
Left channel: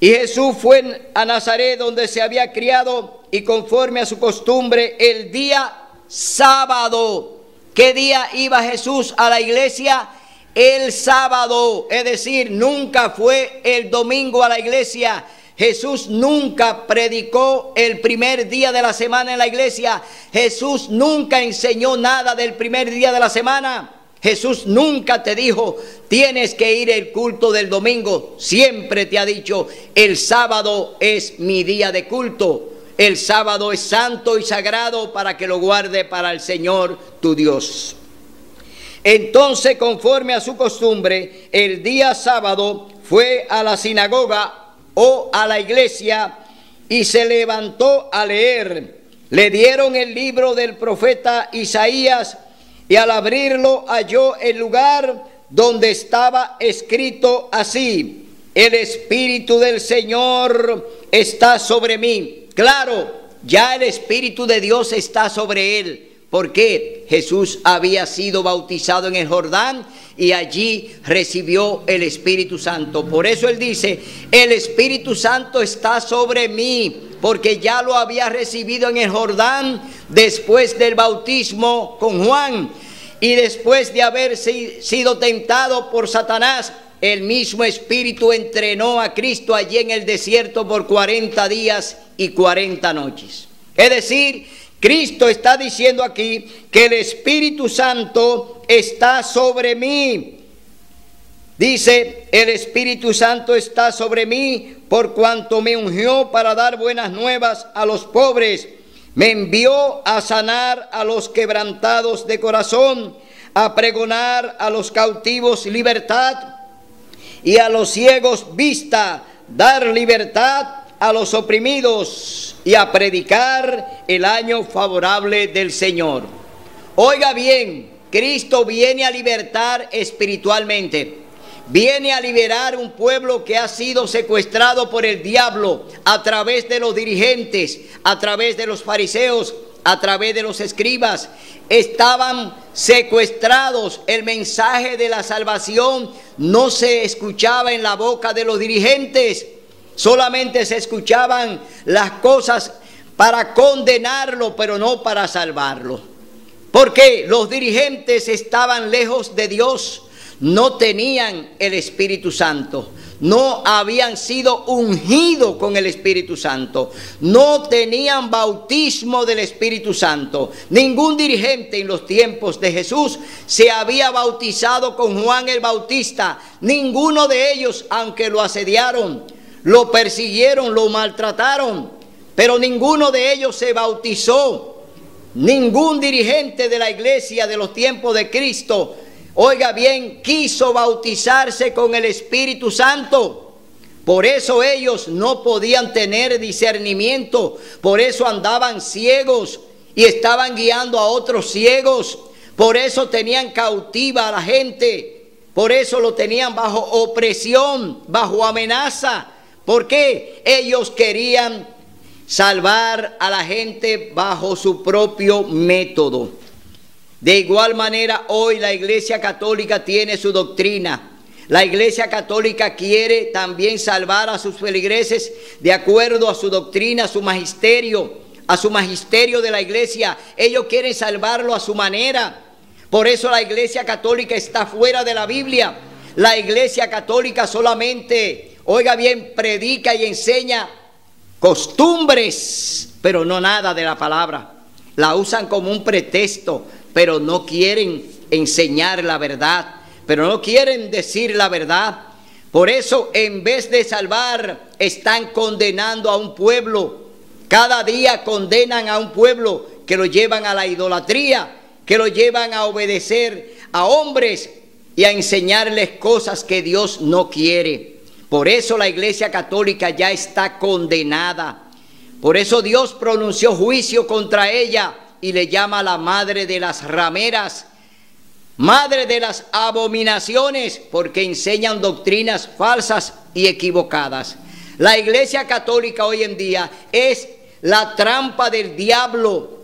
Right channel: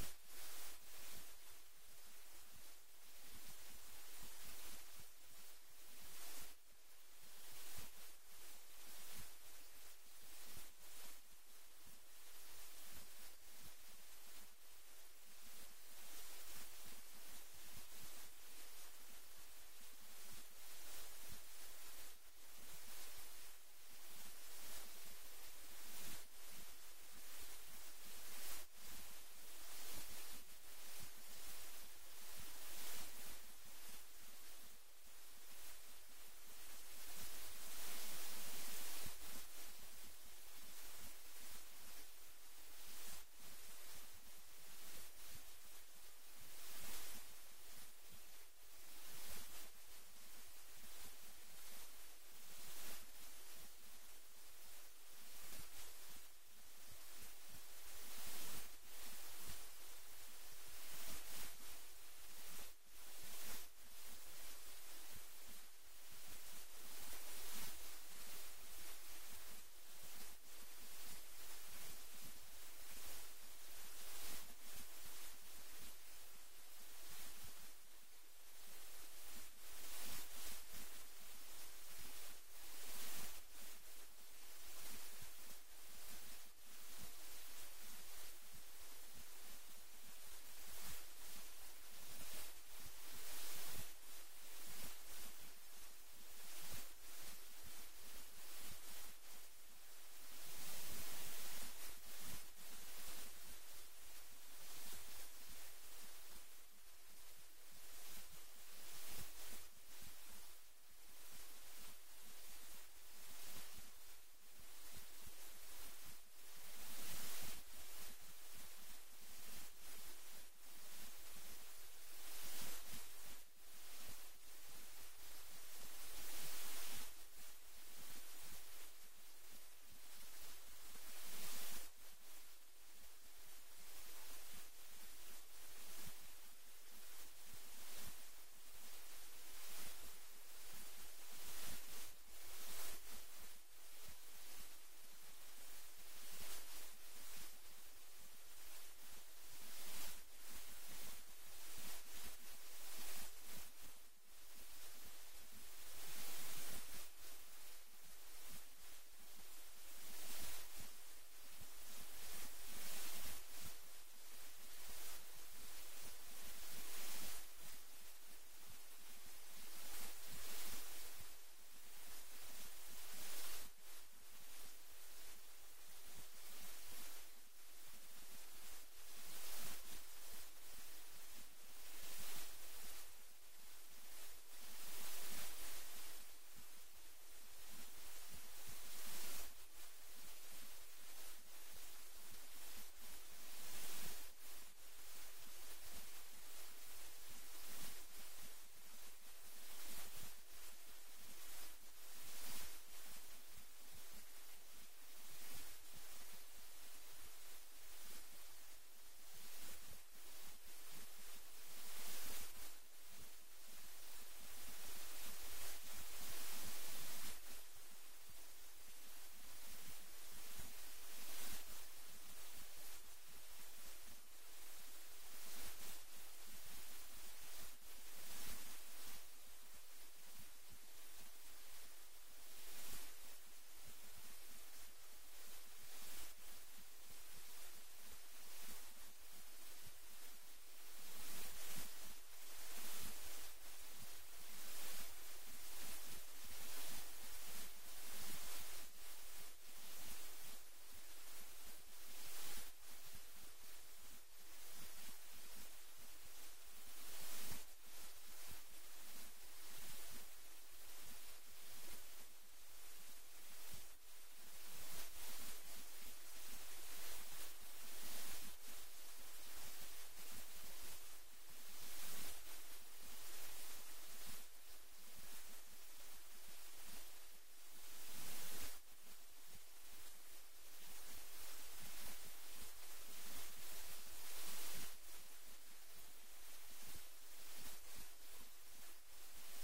Y Jesús fue a Nazaret, donde se había criado, y conforme a su costumbre, el día sábado. ¿Qué día iba Jesús a la iglesia? El sábado, es decir, nunca fue el domingo a la iglesia. Jesús nunca predicó el primer día de la semana en la iglesia. Jesús nunca enseñó nada del primer día de la semana. Jesús nunca te dijo, tienes que ir al culto del domingo. Siempre te ha dicho, el sábado es mi día de culto. El sábado es santo y sagrado para que lo guarde para el Señor tu Dios. Entonces, conforme a su costumbre, el día sábado fue a la sinagoga o a la iglesia y se levantó a leer. Le dieron el libro del profeta Isaías y al abrirlo halló el lugar donde estaba escrito así: el Espíritu del Señor está sobre mí. Claro, ya el Espíritu de Dios está sobre él, porque Jesús había sido bautizado en el Jordán y allí recibió el Espíritu Santo. Por eso él dice, el Espíritu Santo está sobre mí, porque ya lo había recibido en el Jordán después del bautismo con Juan. Y después de haber sido tentado por Satanás, el mismo Espíritu entrenó a Cristo allí en el desierto por 40 días y 40 noches. Es decir, Cristo está diciendo aquí que el Espíritu Santo está sobre mí. Dice, el Espíritu Santo está sobre mí por cuanto me ungió para dar buenas nuevas a los pobres. Me envió a sanar a los quebrantados de corazón, a pregonar a los cautivos libertad y a los ciegos vista, dar libertad a los oprimidos y a predicar el año favorable del Señor. Oiga bien, Cristo viene a libertar espiritualmente. Viene a liberar un pueblo que ha sido secuestrado por el diablo a través de los dirigentes, a través de los fariseos, a través de los escribas. Estaban secuestrados. El mensaje de la salvación no se escuchaba en la boca de los dirigentes. Solamente se escuchaban las cosas para condenarlo, pero no para salvarlo. Porque los dirigentes estaban lejos de Dios. No tenían el Espíritu Santo, no habían sido ungidos con el Espíritu Santo, no tenían bautismo del Espíritu Santo. Ningún dirigente en los tiempos de Jesús se había bautizado con Juan el Bautista. Ninguno de ellos, aunque lo asediaron, lo persiguieron, lo maltrataron, pero ninguno de ellos se bautizó. Ningún dirigente de la iglesia de los tiempos de Cristo, oiga bien, quiso bautizarse con el Espíritu Santo. Por eso ellos no podían tener discernimiento. Por eso andaban ciegos y estaban guiando a otros ciegos. Por eso tenían cautiva a la gente. Por eso lo tenían bajo opresión, bajo amenaza. ¿Por qué? Ellos querían salvar a la gente bajo su propio método. De igual manera, hoy la Iglesia Católica tiene su doctrina. La Iglesia Católica quiere también salvar a sus feligreses de acuerdo a su doctrina, a su magisterio de la Iglesia. Ellos quieren salvarlo a su manera. Por eso la Iglesia Católica está fuera de la Biblia. La Iglesia Católica solamente, oiga bien, predica y enseña costumbres, pero no nada de la palabra. La usan como un pretexto, pero no quieren enseñar la verdad, pero no quieren decir la verdad. Por eso, en vez de salvar, están condenando a un pueblo. Cada día condenan a un pueblo que lo llevan a la idolatría, que lo llevan a obedecer a hombres y a enseñarles cosas que Dios no quiere. Por eso la Iglesia Católica ya está condenada. Por eso Dios pronunció juicio contra ella y le llama la madre de las rameras, madre de las abominaciones, porque enseñan doctrinas falsas y equivocadas. La Iglesia Católica hoy en día es la trampa del diablo.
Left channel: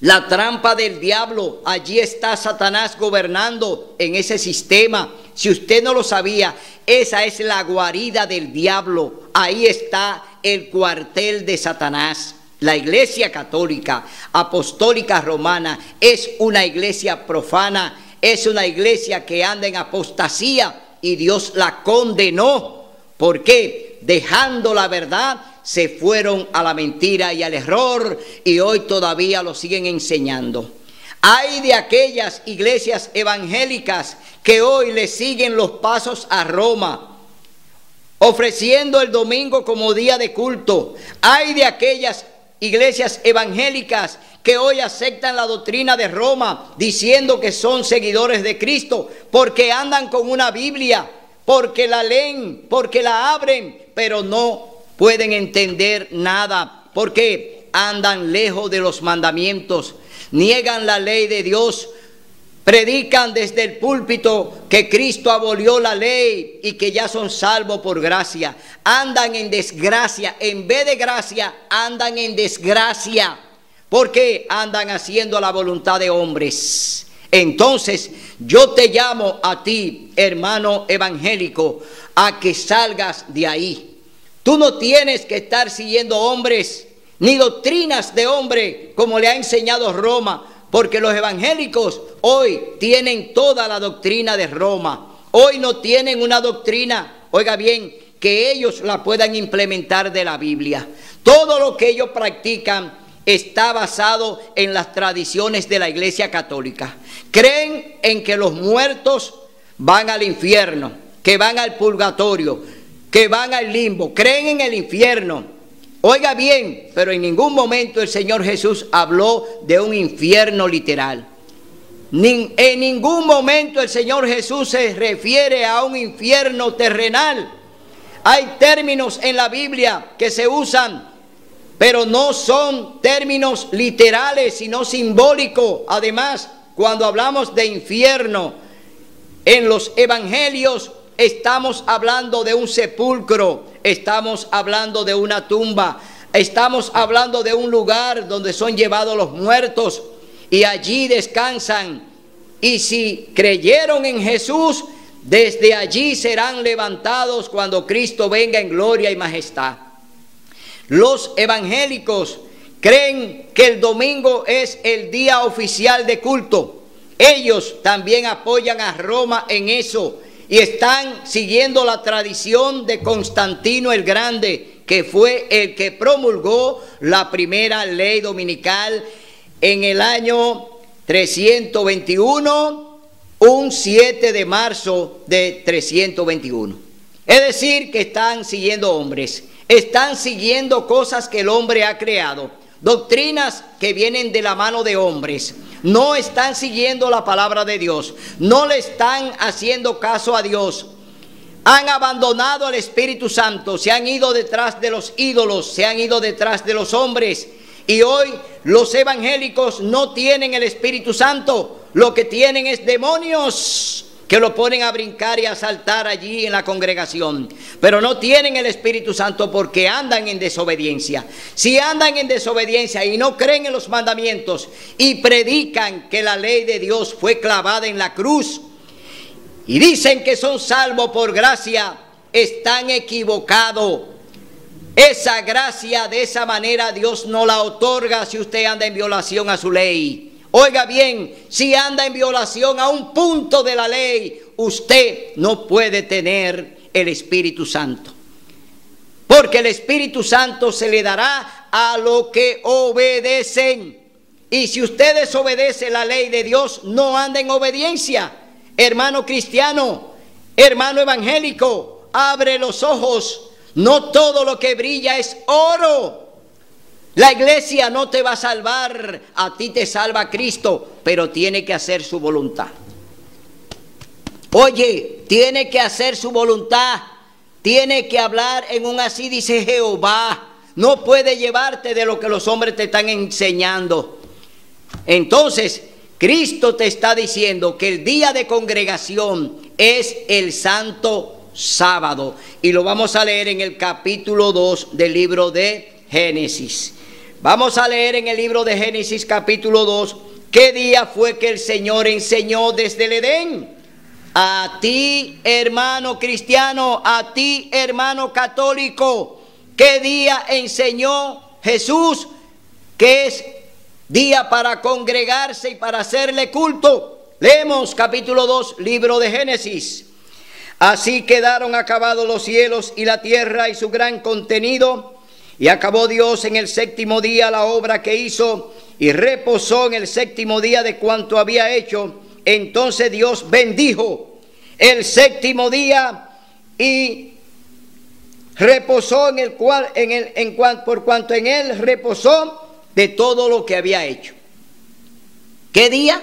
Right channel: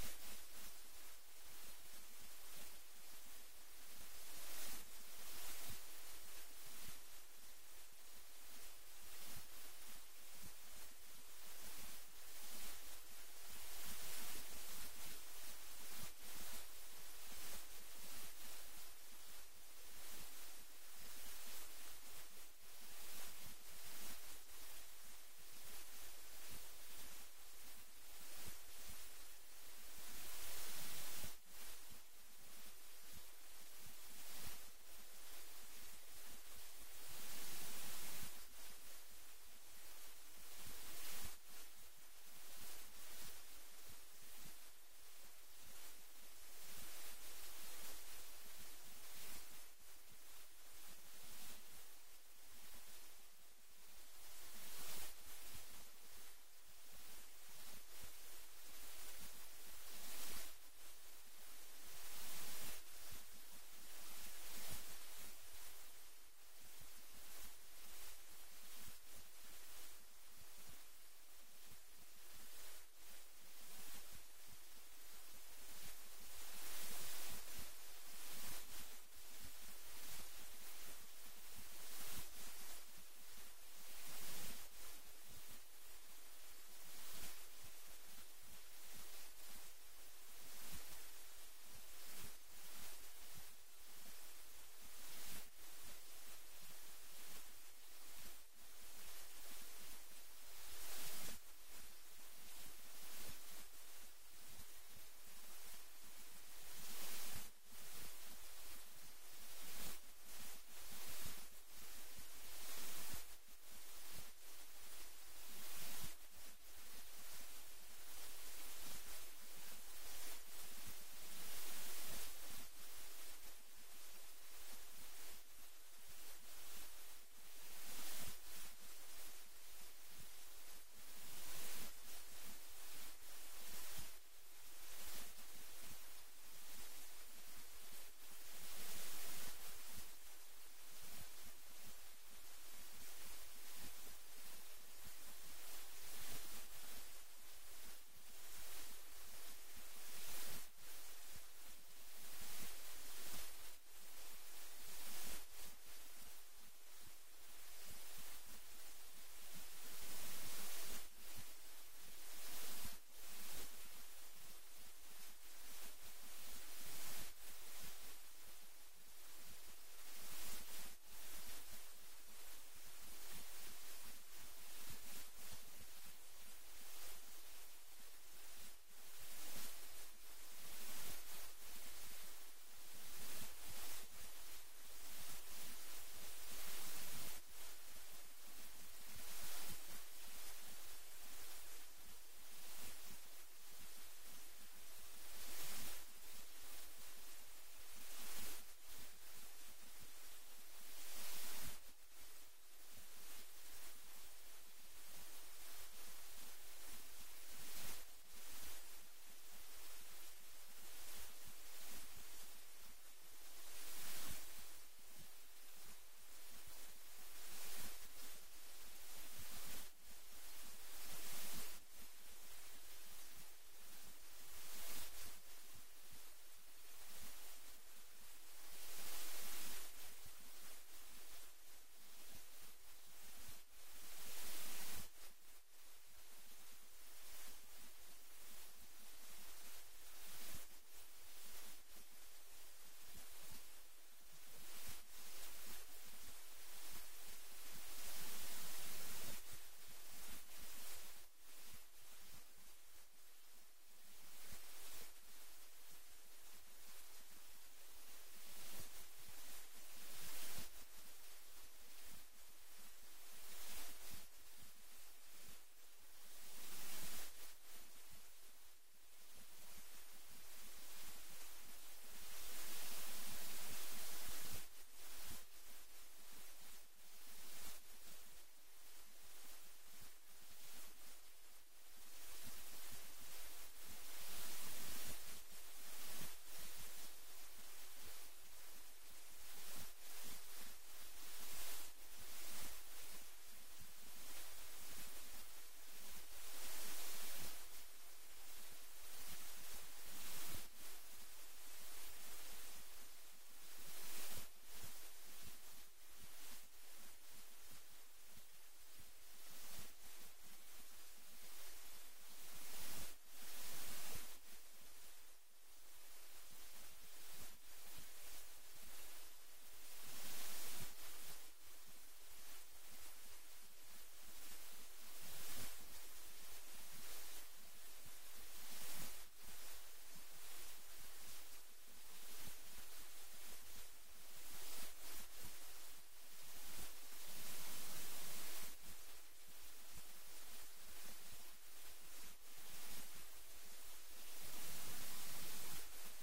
La trampa del diablo, allí está Satanás gobernando en ese sistema. Si usted no lo sabía, esa es la guarida del diablo. Ahí está el cuartel de Satanás. La Iglesia Católica Apostólica Romana es una iglesia profana, es una iglesia que anda en apostasía y Dios la condenó. ¿Por qué? Dejando la verdad, se fueron a la mentira y al error y hoy todavía lo siguen enseñando. Hay de aquellas iglesias evangélicas que hoy le siguen los pasos a Roma, ofreciendo el domingo como día de culto. Hay de aquellas iglesias evangélicas que hoy aceptan la doctrina de Roma, diciendo que son seguidores de Cristo, porque andan con una Biblia, porque la leen, porque la abren, pero no pueden entender nada, porque andan lejos de los mandamientos, niegan la ley de Dios, predican desde el púlpito que Cristo abolió la ley y que ya son salvos por gracia. Andan en desgracia, en vez de gracia, andan en desgracia, porque andan haciendo la voluntad de hombres. Entonces, yo te llamo a ti, hermano evangélico, a que salgas de ahí. Tú no tienes que estar siguiendo hombres, ni doctrinas de hombre, como le ha enseñado Roma, porque los evangélicos hoy tienen toda la doctrina de Roma. Hoy no tienen una doctrina, oiga bien, que ellos la puedan implementar de la Biblia. Todo lo que ellos practican está basado en las tradiciones de la Iglesia Católica. Creen en que los muertos van al infierno, que van al purgatorio, que van al limbo. Creen en el infierno. Oiga bien, pero en ningún momento el Señor Jesús habló de un infierno literal. En ningún momento el Señor Jesús se refiere a un infierno terrenal. Hay términos en la Biblia que se usan, pero no son términos literales, sino simbólicos. Además, cuando hablamos de infierno, en los evangelios estamos hablando de un sepulcro, estamos hablando de una tumba, estamos hablando de un lugar donde son llevados los muertos y allí descansan. Y si creyeron en Jesús, desde allí serán levantados cuando Cristo venga en gloria y majestad. Los evangélicos creen que el domingo es el día oficial de culto. Ellos también apoyan a Roma en eso y están siguiendo la tradición de Constantino el Grande, que fue el que promulgó la primera ley dominical en el año 321, un 7 de marzo de 321. Es decir, que están siguiendo hombres, están siguiendo cosas que el hombre ha creado, doctrinas que vienen de la mano de hombres. No están siguiendo la palabra de Dios, no le están haciendo caso a Dios. Han abandonado al Espíritu Santo, se han ido detrás de los ídolos, se han ido detrás de los hombres. Y hoy los evangélicos no tienen el Espíritu Santo, lo que tienen es demonios que lo ponen a brincar y a saltar allí en la congregación. Pero no tienen el Espíritu Santo porque andan en desobediencia. Si andan en desobediencia y no creen en los mandamientos y predican que la ley de Dios fue clavada en la cruz y dicen que son salvos por gracia, están equivocados. Esa gracia de esa manera Dios no la otorga si usted anda en violación a su ley. Oiga bien, si anda en violación a un punto de la ley, usted no puede tener el Espíritu Santo. Porque el Espíritu Santo se le dará a los que obedecen. Y si usted desobedece la ley de Dios, no anda en obediencia. Hermano cristiano, hermano evangélico, abre los ojos. No todo lo que brilla es oro. La iglesia no te va a salvar, a ti te salva Cristo, pero tiene que hacer su voluntad. Oye, tiene que hacer su voluntad, tiene que hablar en un así dice Jehová. No puede llevarte de lo que los hombres te están enseñando. Entonces, Cristo te está diciendo que el día de congregación es el santo sábado. Y lo vamos a leer en el capítulo 2 del libro de Génesis. Vamos a leer en el libro de Génesis capítulo 2, ¿qué día fue que el Señor enseñó desde el Edén? A ti, hermano cristiano, a ti, hermano católico, ¿qué día enseñó Jesús que es día para congregarse y para hacerle culto? Leemos capítulo 2, libro de Génesis. Así quedaron acabados los cielos y la tierra y su gran contenido, y acabó Dios en el séptimo día la obra que hizo, y reposó en el séptimo día de cuanto había hecho. Entonces Dios bendijo el séptimo día y reposó por cuanto en él reposó de todo lo que había hecho. ¿Qué día?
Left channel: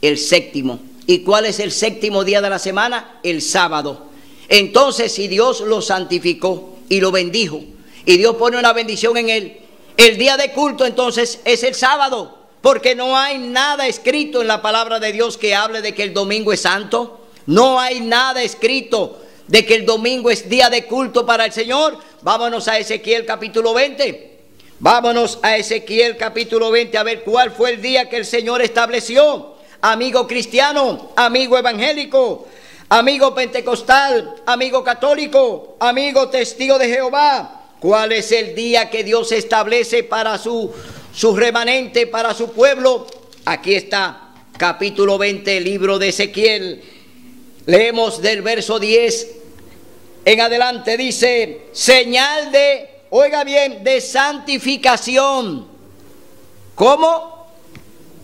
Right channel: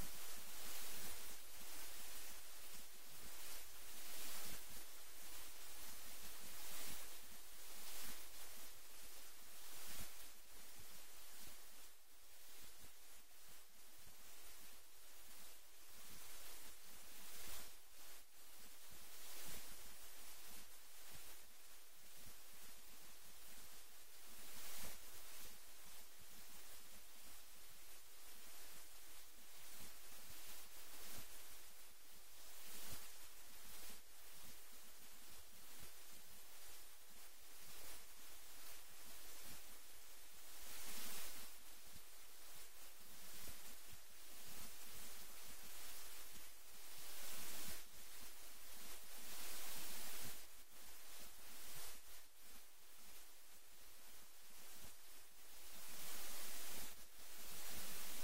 El séptimo. ¿Y cuál es el séptimo día de la semana? El sábado. Entonces, si Dios lo santificó y lo bendijo, y Dios pone una bendición en él, el día de culto entonces es el sábado, porque no hay nada escrito en la palabra de Dios que hable de que el domingo es santo. No hay nada escrito de que el domingo es día de culto para el Señor. Vámonos a Ezequiel capítulo 20. Vámonos a Ezequiel capítulo 20 a ver cuál fue el día que el Señor estableció. Amigo cristiano, amigo evangélico, amigo pentecostal, amigo católico, amigo testigo de Jehová, ¿cuál es el día que Dios establece para su remanente, para su pueblo? Aquí está, capítulo 20, libro de Ezequiel. Leemos del verso 10 en adelante, dice, señal de, oiga bien, de santificación. ¿Cómo?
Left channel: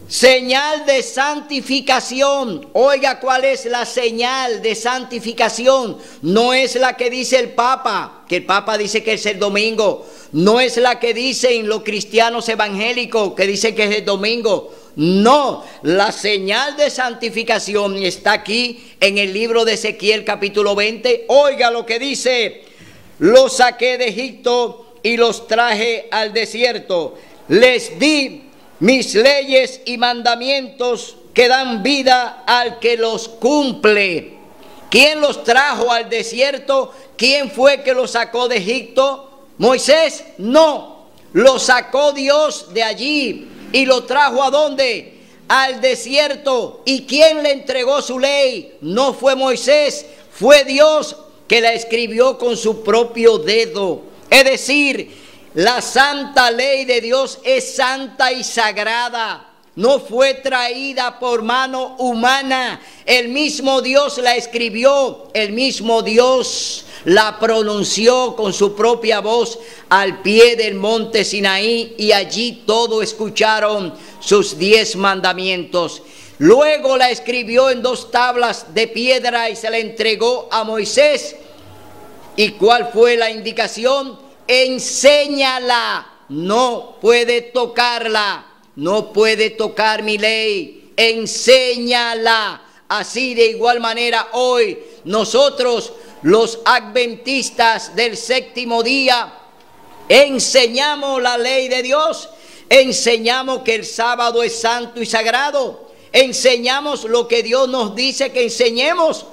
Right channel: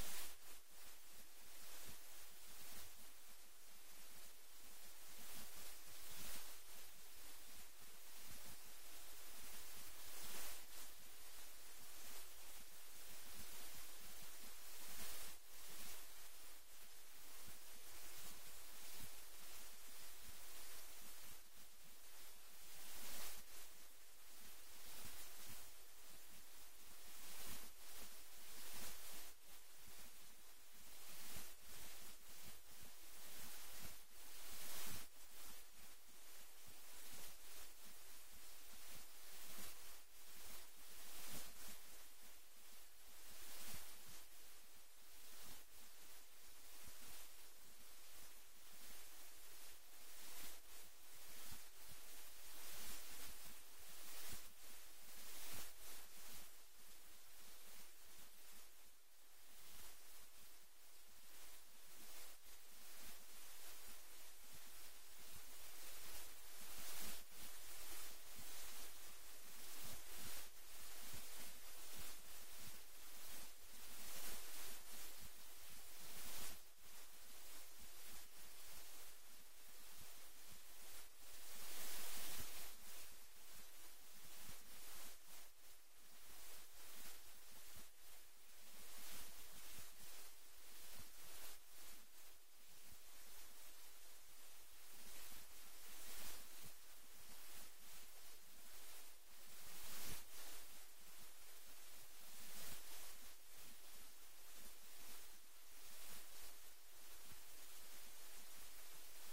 Señal de santificación. Oiga, ¿cuál es la señal de santificación? No es la que dice el Papa, que el Papa dice que es el domingo. No es la que dicen los cristianos evangélicos, que dicen que es el domingo. No, la señal de santificación está aquí en el libro de Ezequiel capítulo 20. Oiga lo que dice: los saqué de Egipto y los traje al desierto. Les di mis leyes y mandamientos que dan vida al que los cumple. ¿Quién los trajo al desierto? ¿Quién fue que los sacó de Egipto? ¿Moisés? No, lo sacó Dios de allí y lo trajo ¿a dónde? Al desierto. ¿Y quién le entregó su ley? No fue Moisés, fue Dios que la escribió con su propio dedo. Es decir, la santa ley de Dios es santa y sagrada. No fue traída por mano humana. El mismo Dios la escribió. El mismo Dios la pronunció con su propia voz al pie del monte Sinaí. Y allí todos escucharon sus 10 mandamientos. Luego la escribió en 2 tablas de piedra y se la entregó a Moisés. ¿Y cuál fue la indicación? Enséñala, no puede tocarla, no puede tocar mi ley, enséñala. Así de igual manera hoy nosotros los adventistas del séptimo día enseñamos la ley de Dios, enseñamos que el sábado es santo y sagrado, enseñamos lo que Dios nos dice que enseñemos.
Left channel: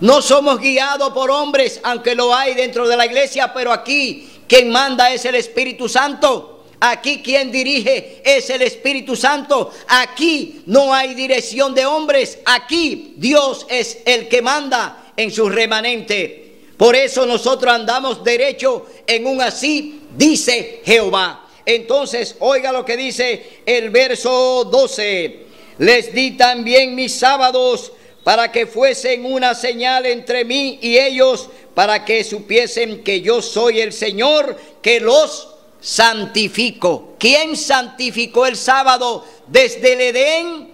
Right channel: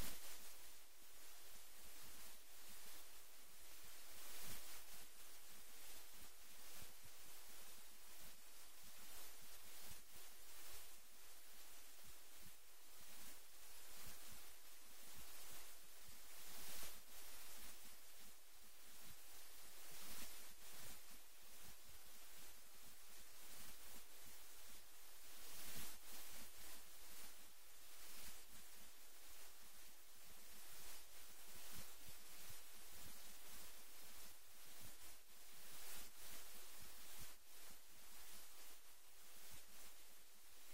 No somos guiados por hombres, aunque lo hay dentro de la iglesia, pero aquí quien manda es el Espíritu Santo. Aquí quien dirige es el Espíritu Santo. Aquí no hay dirección de hombres. Aquí Dios es el que manda en su remanente. Por eso nosotros andamos derecho en un así dice Jehová. Entonces, oiga lo que dice el verso 12. Les di también mis sábados para que fuesen una señal entre mí y ellos, para que supiesen que yo soy el Señor, que los santifico. ¿Quién santificó el sábado desde el Edén?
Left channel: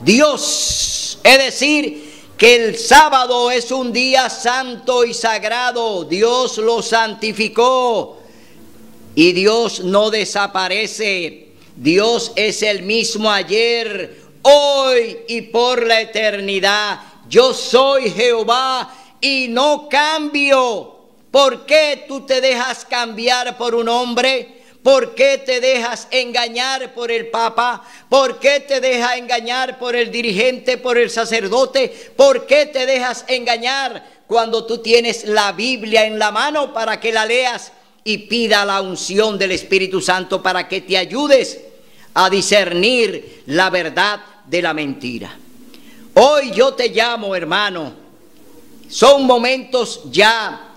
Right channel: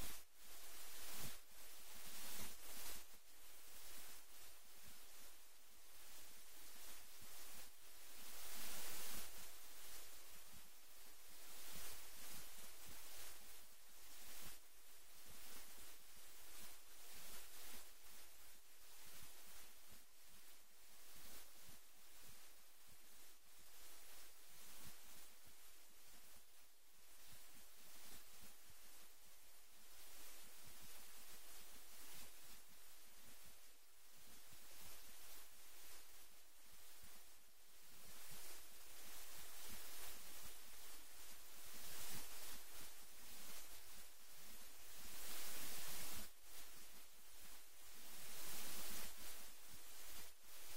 Dios. Es decir, que el sábado es un día santo y sagrado. Dios lo santificó. Y Dios no desaparece. Dios es el mismo ayer, hoy y por la eternidad. Yo soy Jehová y no cambio. ¿Por qué tú te dejas cambiar por un hombre? ¿Por qué te dejas engañar por el Papa? ¿Por qué te dejas engañar por el dirigente, por el sacerdote? ¿Por qué te dejas engañar cuando tú tienes la Biblia en la mano para que la leas y pida la unción del Espíritu Santo para que te ayudes a discernir la verdad de la mentira. Hoy yo te llamo, hermano, son momentos ya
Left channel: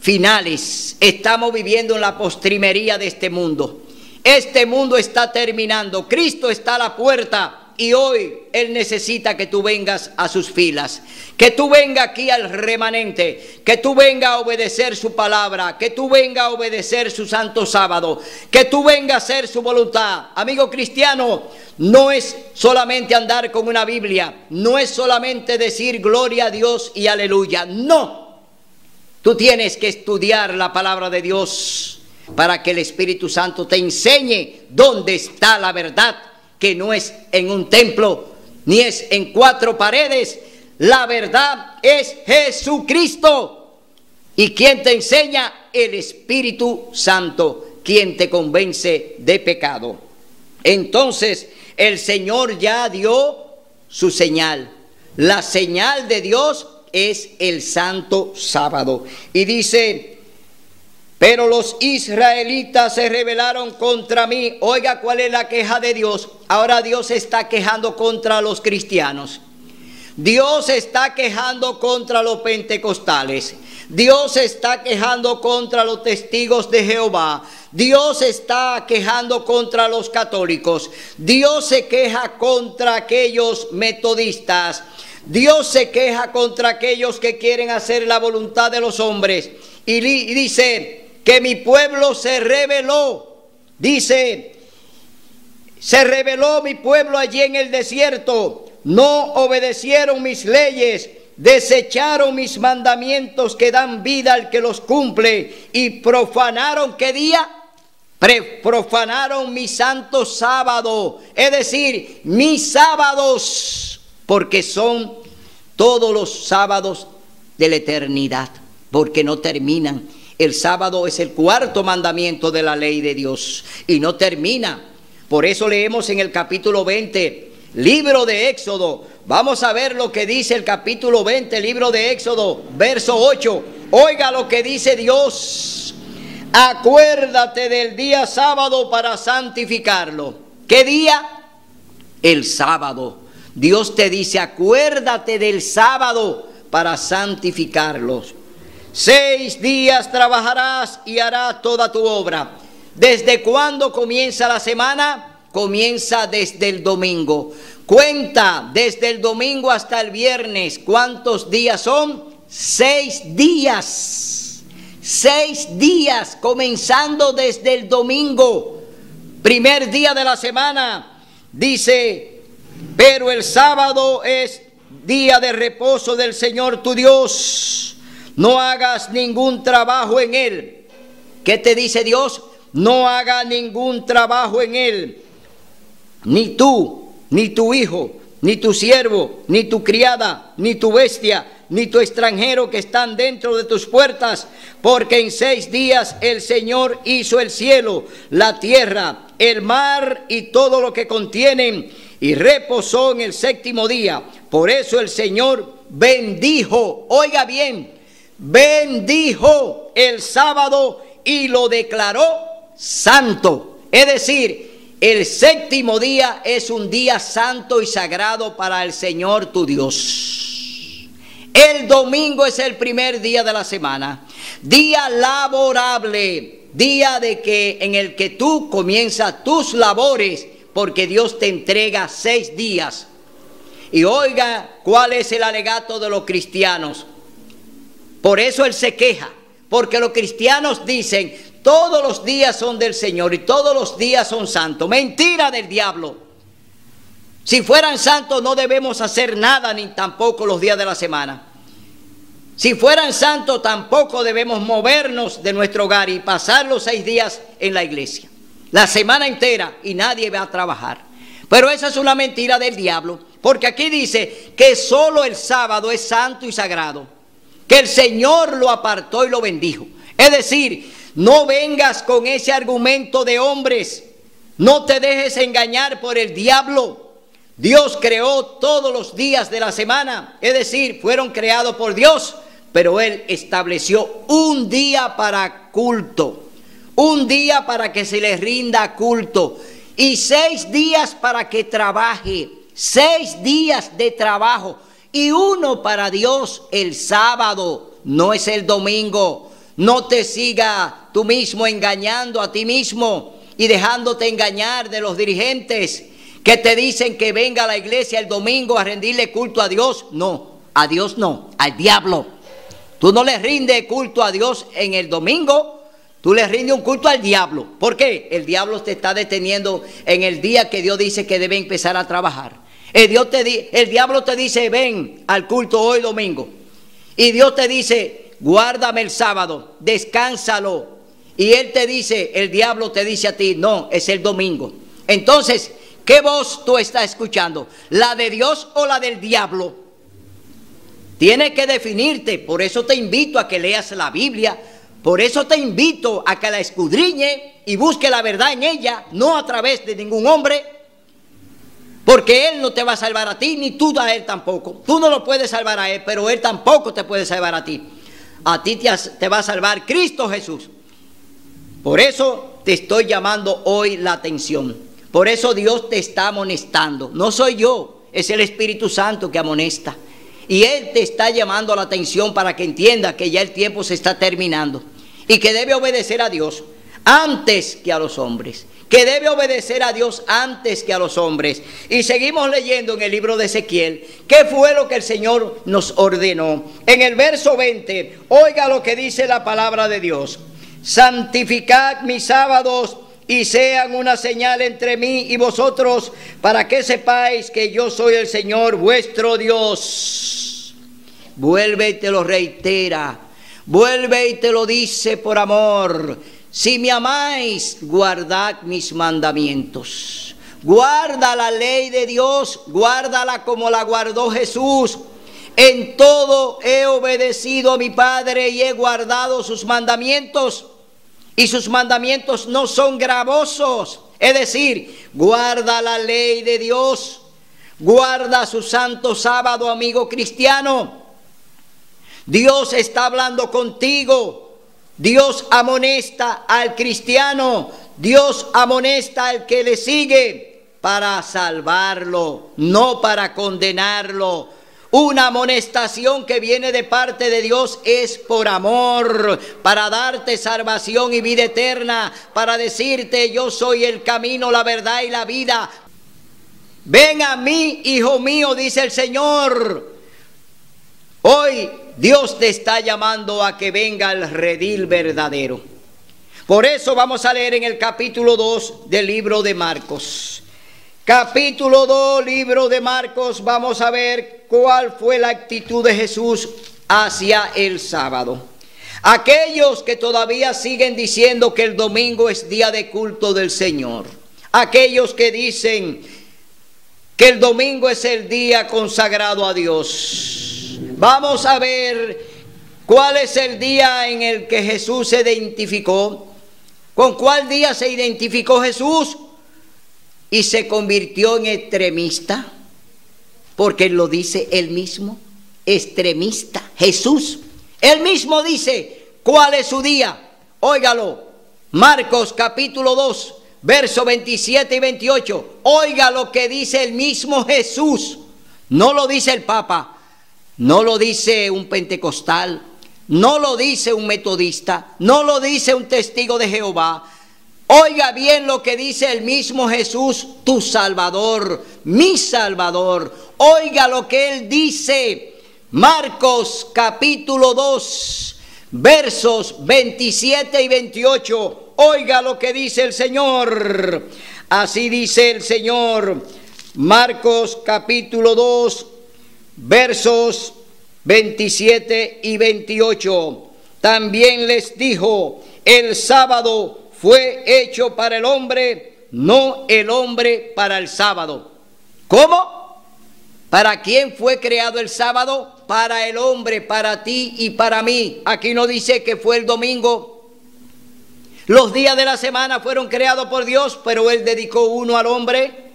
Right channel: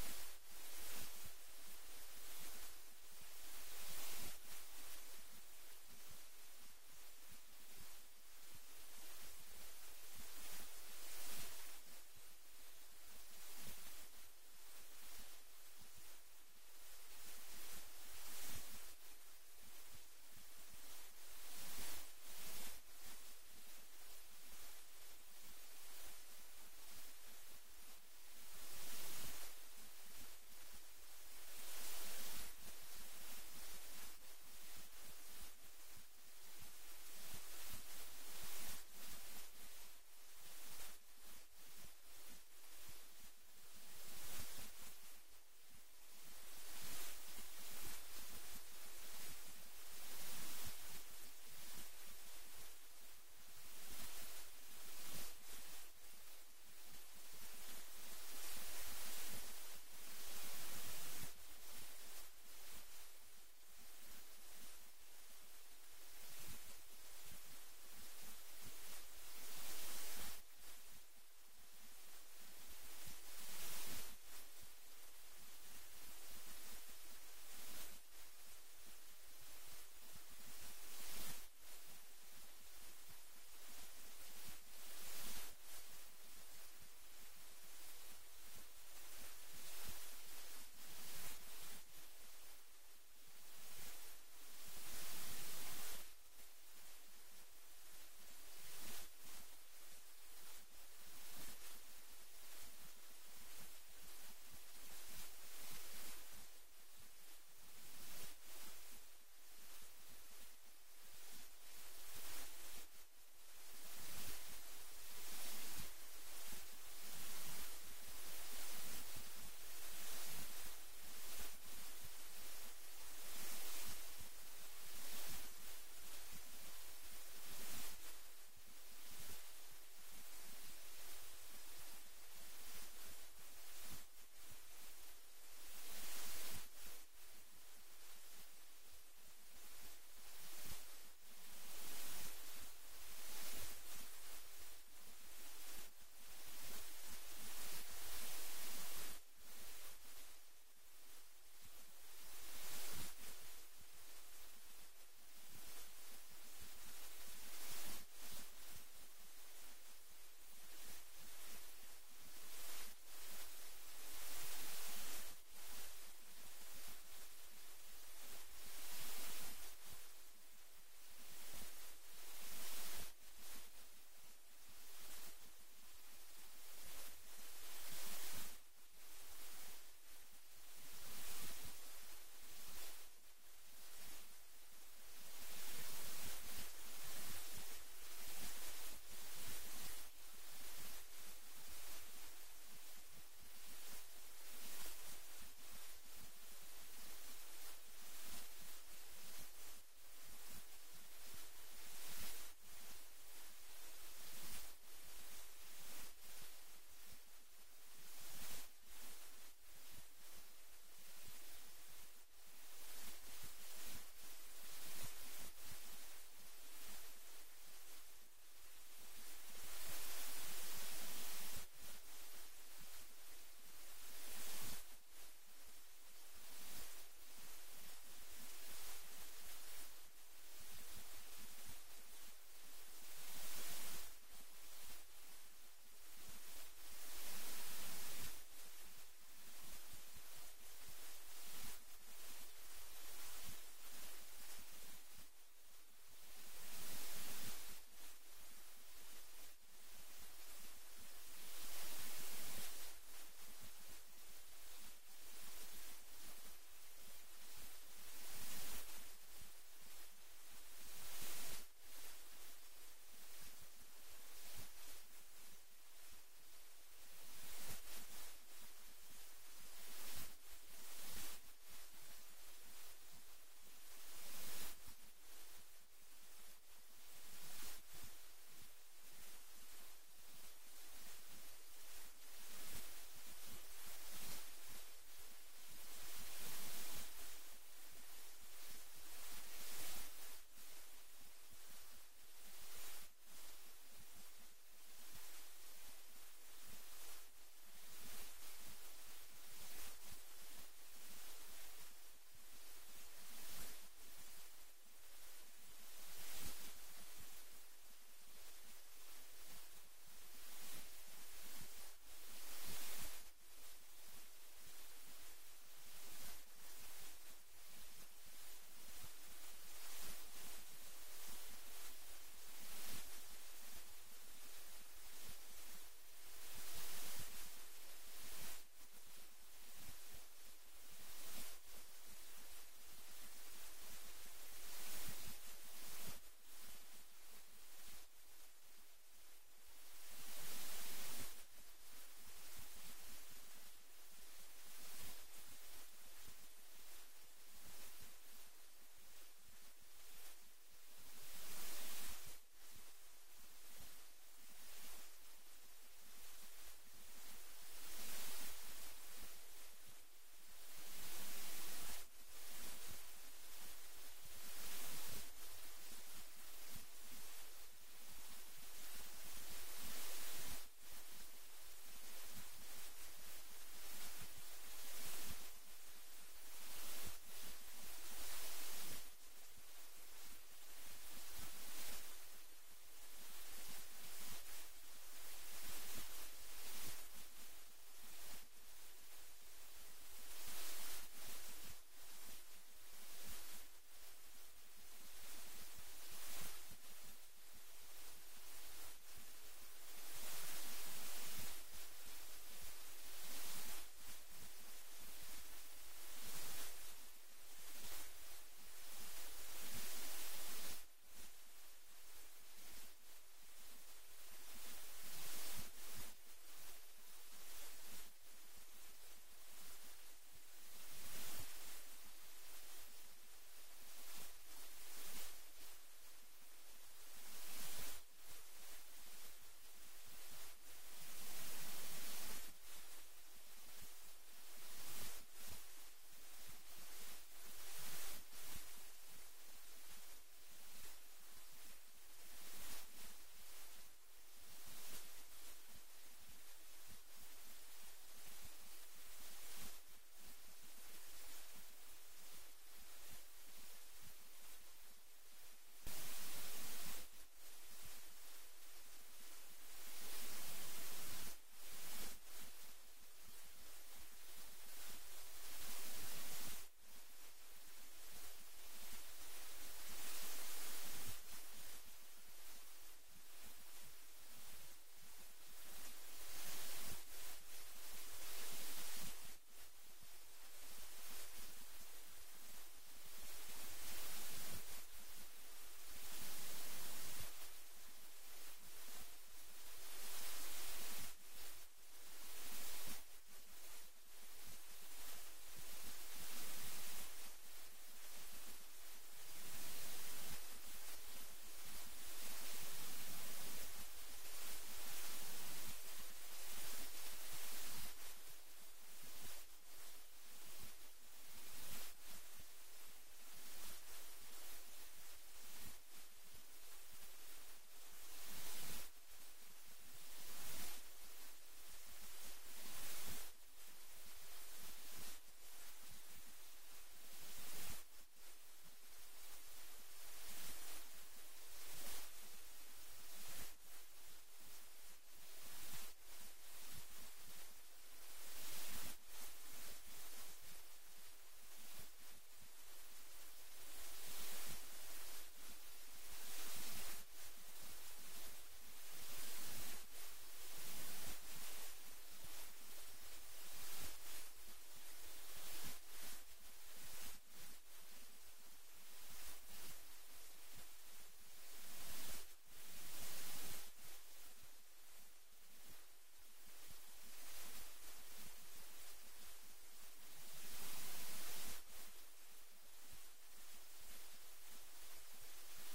finales. Estamos viviendo en la postrimería de este mundo. Este mundo está terminando. Cristo está a la puerta y hoy Él necesita que tú vengas a sus filas. Que tú vengas aquí al remanente. Que tú vengas a obedecer su palabra. Que tú vengas a obedecer su santo sábado. Que tú vengas a hacer su voluntad. Amigo cristiano, no es solamente andar con una Biblia. No es solamente decir gloria a Dios y aleluya. No. Tú tienes que estudiar la palabra de Dios para que el Espíritu Santo te enseñe dónde está la verdad, que no es en un templo, ni es en cuatro paredes. La verdad es Jesucristo. ¿Y quién te enseña? El Espíritu Santo, quien te convence de pecado. Entonces, el Señor ya dio su señal. La señal de Dios es el santo sábado. Y dice: pero los israelitas se rebelaron contra mí. Oiga, ¿cuál es la queja de Dios? Ahora Dios se está quejando contra los cristianos. Dios se está quejando contra los pentecostales. Dios se está quejando contra los testigos de Jehová. Dios se está quejando contra los católicos. Dios se queja contra aquellos metodistas. Dios se queja contra aquellos que quieren hacer la voluntad de los hombres. Y dice que mi pueblo se rebeló. Dice, se rebeló mi pueblo allí en el desierto. No obedecieron mis leyes, desecharon mis mandamientos que dan vida al que los cumple, y profanaron, ¿qué día? Profanaron mi santo sábado, es decir, mis sábados, porque son todos los sábados de la eternidad, porque no terminan. El sábado es el cuarto mandamiento de la ley de Dios y no termina. Por eso leemos en el capítulo 20, libro de Éxodo. Vamos a ver lo que dice el capítulo 20, libro de Éxodo, verso 8. Oiga lo que dice Dios: acuérdate del día sábado para santificarlo. ¿Qué día? El sábado. Dios te dice: acuérdate del sábado para santificarlos. 6 días trabajarás y harás toda tu obra. ¿Desde cuándo comienza la semana? Comienza desde el domingo. Cuenta desde el domingo hasta el viernes. ¿Cuántos días son? 6 días. 6 días, comenzando desde el domingo. Primer día de la semana. Dice: pero el sábado es día de reposo del Señor tu Dios. No hagas ningún trabajo en él. ¿Qué te dice Dios? No haga ningún trabajo en él. Ni tú, ni tu hijo, ni tu siervo, ni tu criada, ni tu bestia, ni tu extranjero que están dentro de tus puertas. Porque en 6 días el Señor hizo el cielo, la tierra, el mar y todo lo que contienen, y reposó en el 7º día. Por eso el Señor bendijo, oiga bien, bendijo el sábado y lo declaró santo. Es decir, el 7º día es un día santo y sagrado para el Señor tu Dios. El domingo es el primer día de la semana, día laborable, día en el que tú comienzas tus labores, porque Dios te entrega 6 días. Y oiga, ¿cuál es el alegato de los cristianos? Por eso Él se queja, porque los cristianos dicen: todos los días son del Señor y todos los días son santos. Mentira del diablo. Si fueran santos no debemos hacer nada, ni tampoco los días de la semana. Si fueran santos tampoco debemos movernos de nuestro hogar y pasar los 6 días en la iglesia, la semana entera, y nadie va a trabajar. Pero esa es una mentira del diablo, porque aquí dice que solo el sábado es santo y sagrado, que el Señor lo apartó y lo bendijo. Es decir, no vengas con ese argumento de hombres, no te dejes engañar por el diablo. Dios creó todos los días de la semana, es decir, fueron creados por Dios, pero Él estableció un día para culto, un día para que se le rinda culto y 6 días para que trabaje, 6 días de trabajo y uno para Dios, el sábado, no es el domingo. No te sigas tú mismo engañando a ti mismo y dejándote engañar de los dirigentes que te dicen que venga a la iglesia el domingo a rendirle culto a Dios. No, a Dios no, al diablo. Tú no le rindes culto a Dios en el domingo, tú le rindes un culto al diablo. ¿Por qué? El diablo te está deteniendo en el día que Dios dice que debe empezar a trabajar. El diablo te dice, ven al culto hoy domingo. Y Dios te dice, guárdame el sábado, descánsalo. Y él te dice, el diablo te dice a ti, no, es el domingo. Entonces, ¿qué voz tú estás escuchando? ¿La de Dios o la del diablo? Tienes que definirte. Por eso te invito a que leas la Biblia. Por eso te invito a que la escudriñe y busque la verdad en ella, no a través de ningún hombre. Porque Él no te va a salvar a ti, ni tú a Él tampoco. Tú no lo puedes salvar a Él, pero Él tampoco te puede salvar a ti. A ti te va a salvar Cristo Jesús. Por eso te estoy llamando hoy la atención. Por eso Dios te está amonestando. No soy yo, es el Espíritu Santo que amonesta. Y Él te está llamando la atención para que entienda que ya el tiempo se está terminando. Y que debe obedecer a Dios antes que a los hombres. Que debe obedecer a Dios antes que a los hombres. Y seguimos leyendo en el libro de Ezequiel, ¿qué fue lo que el Señor nos ordenó? En el verso 20, oiga lo que dice la palabra de Dios. Santificad mis sábados y sean una señal entre mí y vosotros, para que sepáis que yo soy el Señor vuestro Dios. Vuelve y te lo reitera, vuelve y te lo dice por amor. Si me amáis, guardad mis mandamientos. Guarda la ley de Dios, guárdala como la guardó Jesús. En todo he obedecido a mi Padre y he guardado sus mandamientos. Y sus mandamientos no son gravosos. Es decir, guarda la ley de Dios. Guarda su santo sábado, amigo cristiano. Dios está hablando contigo. Dios amonesta al cristiano, Dios amonesta al que le sigue para salvarlo, no para condenarlo. Una amonestación que viene de parte de Dios es por amor, para darte salvación y vida eterna, para decirte yo soy el camino, la verdad y la vida. Ven a mí, hijo mío, dice el Señor. Hoy Dios te está llamando a que venga al redil verdadero. Por eso vamos a leer en el capítulo 2 del libro de Marcos. Capítulo 2, libro de Marcos, vamos a ver cuál fue la actitud de Jesús hacia el sábado. Aquellos que todavía siguen diciendo que el domingo es día de culto del Señor. Aquellos que dicen que el domingo es el día consagrado a Dios. Vamos a ver cuál es el día en el que Jesús se identificó. ¿Con cuál día se identificó Jesús? Y se convirtió en extremista, porque lo dice él mismo, extremista. Jesús, él mismo dice cuál es su día. Óigalo, Marcos capítulo 2, versos 27 y 28. Oiga lo que dice el mismo Jesús. No lo dice el Papa. No lo dice un pentecostal, no lo dice un metodista, no lo dice un testigo de Jehová. Oiga bien lo que dice el mismo Jesús, tu Salvador, mi Salvador. Oiga lo que Él dice. Marcos capítulo 2, versos 27 y 28. Oiga lo que dice el Señor. Así dice el Señor. Marcos capítulo 2. Versos 27 y 28. También les dijo, el sábado fue hecho para el hombre, no el hombre para el sábado. ¿Cómo? ¿Para quién fue creado el sábado? Para el hombre, para ti y para mí. Aquí no dice que fue el domingo. Los días de la semana fueron creados por Dios, pero Él dedicó uno al hombre.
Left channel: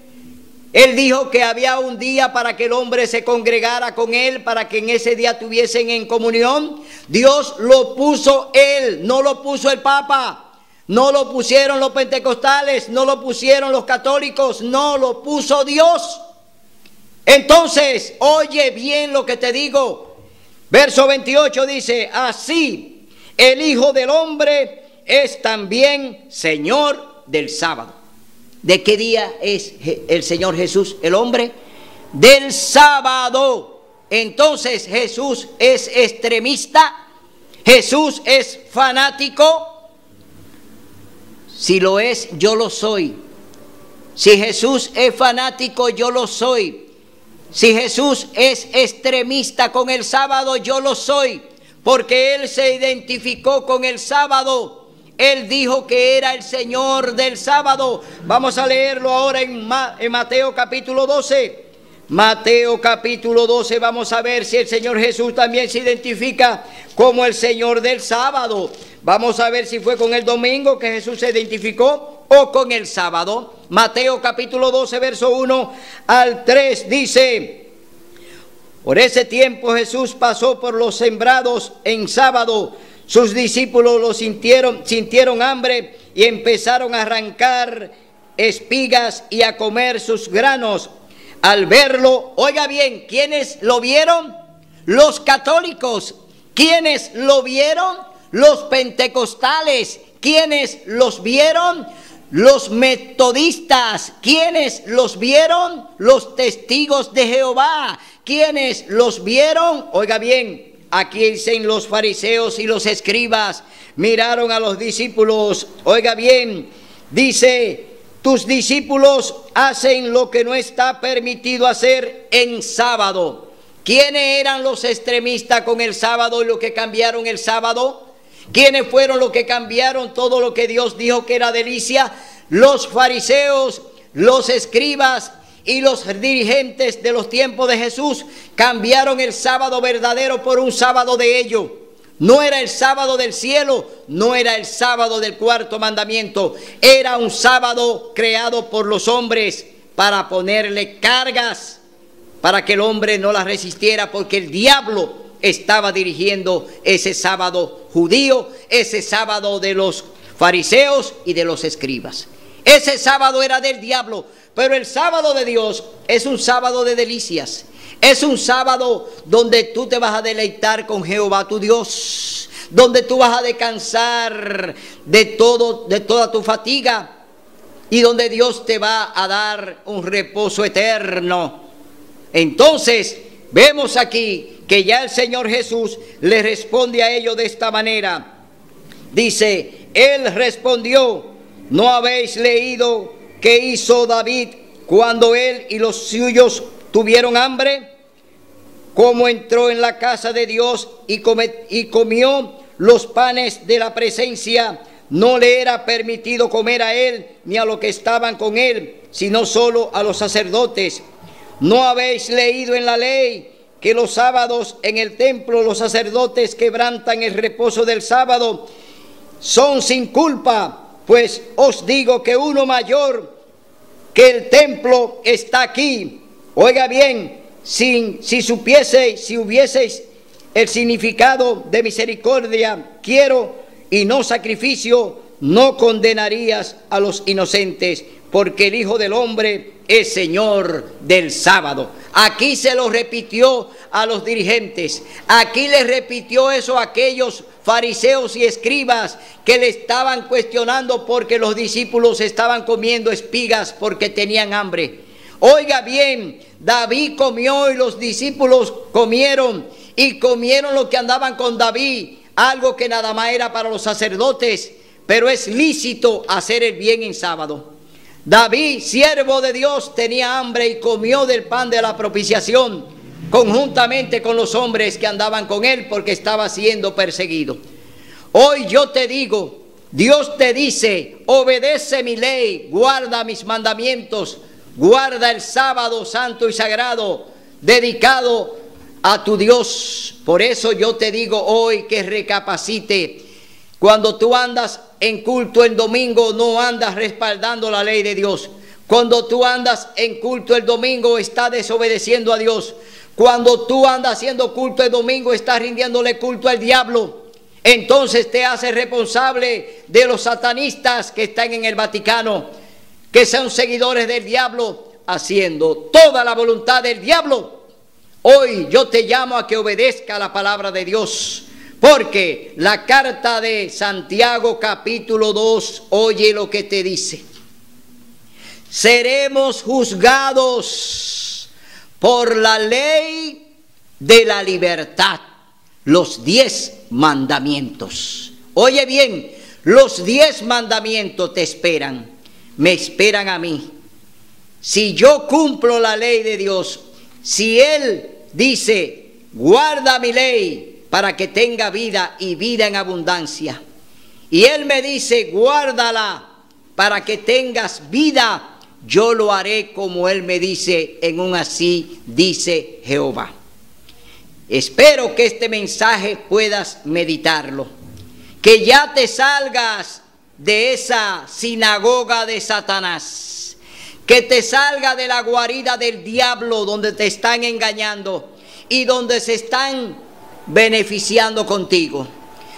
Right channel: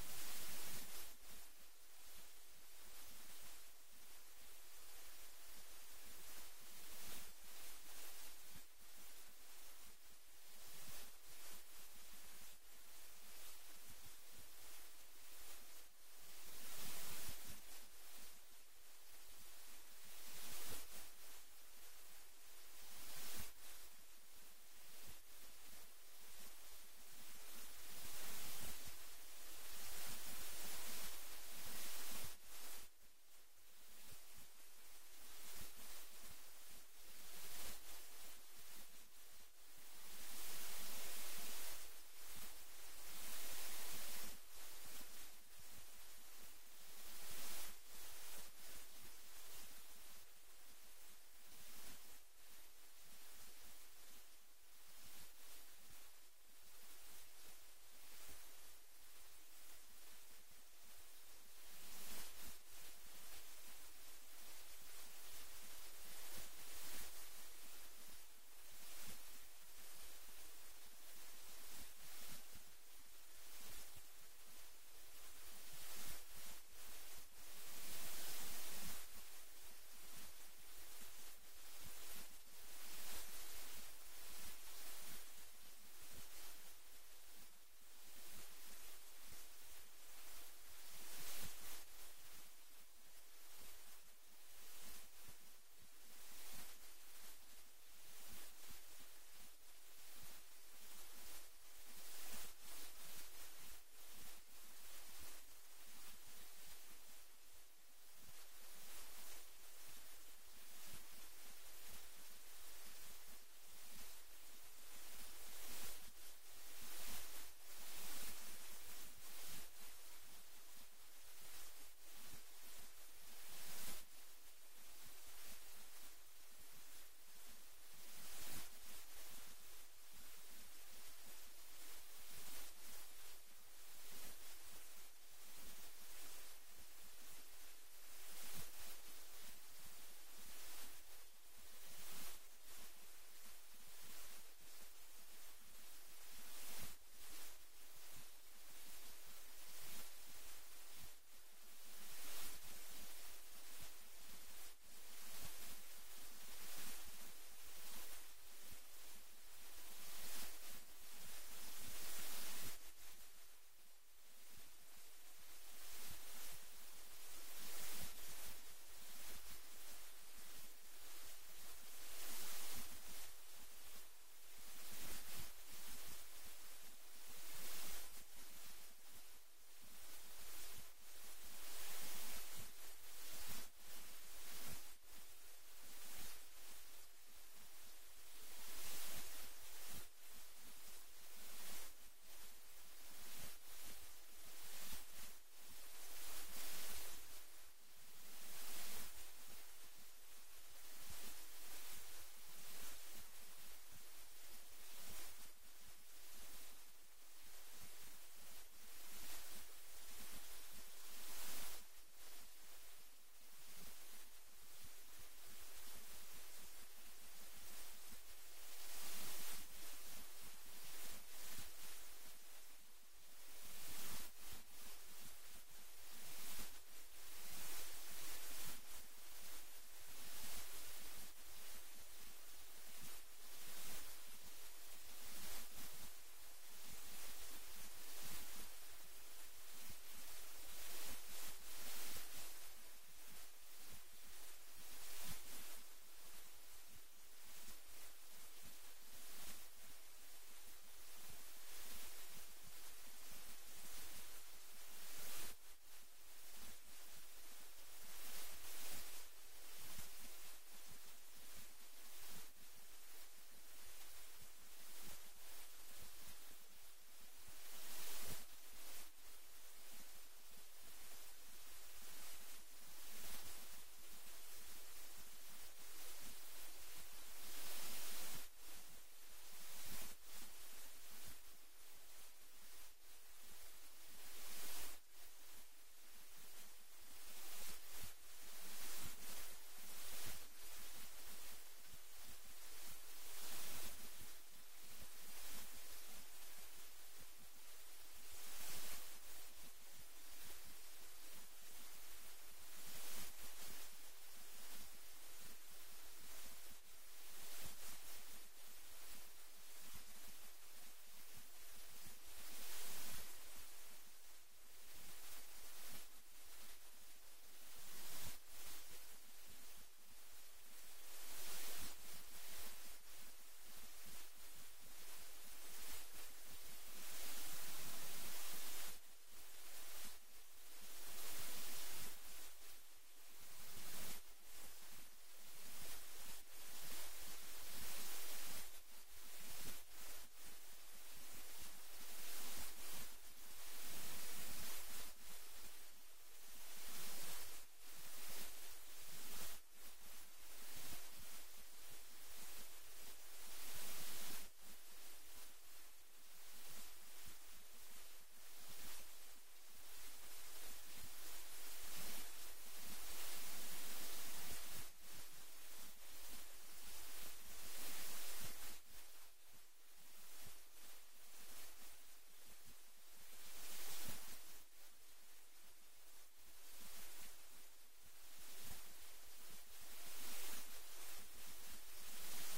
Él dijo que había un día para que el hombre se congregara con Él, para que en ese día tuviesen en comunión. Dios lo puso Él, no lo puso el Papa. No lo pusieron los pentecostales, no lo pusieron los católicos, no lo puso Dios. Entonces, oye bien lo que te digo. Verso 28 dice, así el Hijo del Hombre es también Señor del sábado. ¿De qué día es el Señor Jesús, el hombre? Del sábado. Entonces, Jesús es extremista, Jesús es fanático. Si lo es, yo lo soy. Si Jesús es fanático, yo lo soy. Si Jesús es extremista con el sábado, yo lo soy. Porque Él se identificó con el sábado. Él dijo que era el Señor del sábado. Vamos a leerlo ahora en Mateo capítulo 12. Mateo capítulo 12, vamos a ver si el Señor Jesús también se identifica como el Señor del sábado. Vamos a ver si fue con el domingo que Jesús se identificó o con el sábado. Mateo capítulo 12, verso 1 al 3 dice: por ese tiempo Jesús pasó por los sembrados en sábado. Sus discípulos lo sintieron hambre y empezaron a arrancar espigas y a comer sus granos. Al verlo, oiga bien, ¿quiénes lo vieron? Los católicos. ¿Quiénes lo vieron? Los pentecostales. ¿Quiénes los vieron? Los metodistas. ¿Quiénes los vieron? Los testigos de Jehová. ¿Quiénes los vieron? Oiga bien, aquí dicen los fariseos y los escribas miraron a los discípulos. Oiga bien, dice: tus discípulos hacen lo que no está permitido hacer en sábado. ¿Quiénes eran los extremistas con el sábado y los que cambiaron el sábado? ¿Quiénes fueron los que cambiaron todo lo que Dios dijo que era delicia? Los fariseos, los escribas y los dirigentes de los tiempos de Jesús cambiaron el sábado verdadero por un sábado de ellos. No era el sábado del cielo, no era el sábado del cuarto mandamiento. Era un sábado creado por los hombres para ponerle cargas, para que el hombre no las resistiera, porque el diablo estaba dirigiendo ese sábado judío, ese sábado de los fariseos y de los escribas. Ese sábado era del diablo, pero el sábado de Dios es un sábado de delicias. Es un sábado donde tú te vas a deleitar con Jehová tu Dios, donde tú vas a descansar de toda tu fatiga y donde Dios te va a dar un reposo eterno. Entonces, vemos aquí que ya el Señor Jesús le responde a ellos de esta manera. Dice, Él respondió: ¿no habéis leído qué hizo David cuando él y los suyos tuvieron hambre? Cómo entró en la casa de Dios y comió los panes de la presencia. No le era permitido comer a él ni a los que estaban con él, sino solo a los sacerdotes. ¿No habéis leído en la ley que los sábados en el templo los sacerdotes quebrantan el reposo del sábado? Son sin culpa. Pues os digo que uno mayor que el templo está aquí. Oiga bien, si hubieseis el significado de misericordia, quiero, y no sacrificio, no condenarías a los inocentes, porque el Hijo del Hombre es Señor del sábado. Aquí se lo repitió a los dirigentes. Aquí les repitió eso a aquellos fariseos y escribas que le estaban cuestionando porque los discípulos estaban comiendo espigas porque tenían hambre. Oiga bien, David comió y los discípulos comieron, y comieron los que andaban con David, algo que nada más era para los sacerdotes, pero es lícito hacer el bien en sábado. David, siervo de Dios, tenía hambre y comió del pan de la propiciación conjuntamente con los hombres que andaban con él, porque estaba siendo perseguido. Hoy yo te digo, Dios te dice: obedece mi ley, guarda mis mandamientos, guarda el sábado santo y sagrado dedicado a tu Dios. Por eso yo te digo hoy que recapacite. Cuando tú andas en culto el domingo, no andas respaldando la ley de Dios. Cuando tú andas en culto el domingo, estás desobedeciendo a Dios. Cuando tú andas haciendo culto el domingo, estás rindiéndole culto al diablo. Entonces te haces responsable de los satanistas que están en el Vaticano, que son seguidores del diablo, haciendo toda la voluntad del diablo. Hoy yo te llamo a que obedezca la palabra de Dios, porque la carta de Santiago capítulo 2, oye lo que te dice. Seremos juzgados por la ley de la libertad, los 10 mandamientos. Oye bien, los 10 mandamientos te esperan, me esperan a mí. Si yo cumplo la ley de Dios, si Él dice, guarda mi ley para que tenga vida y vida en abundancia, y Él me dice, guárdala para que tengas vida, yo lo haré como Él me dice, en un así dice Jehová. Espero que este mensaje puedas meditarlo, que ya te salgas de esa sinagoga de Satanás, que te salga de la guarida del diablo donde te están engañando y donde se están beneficiando contigo.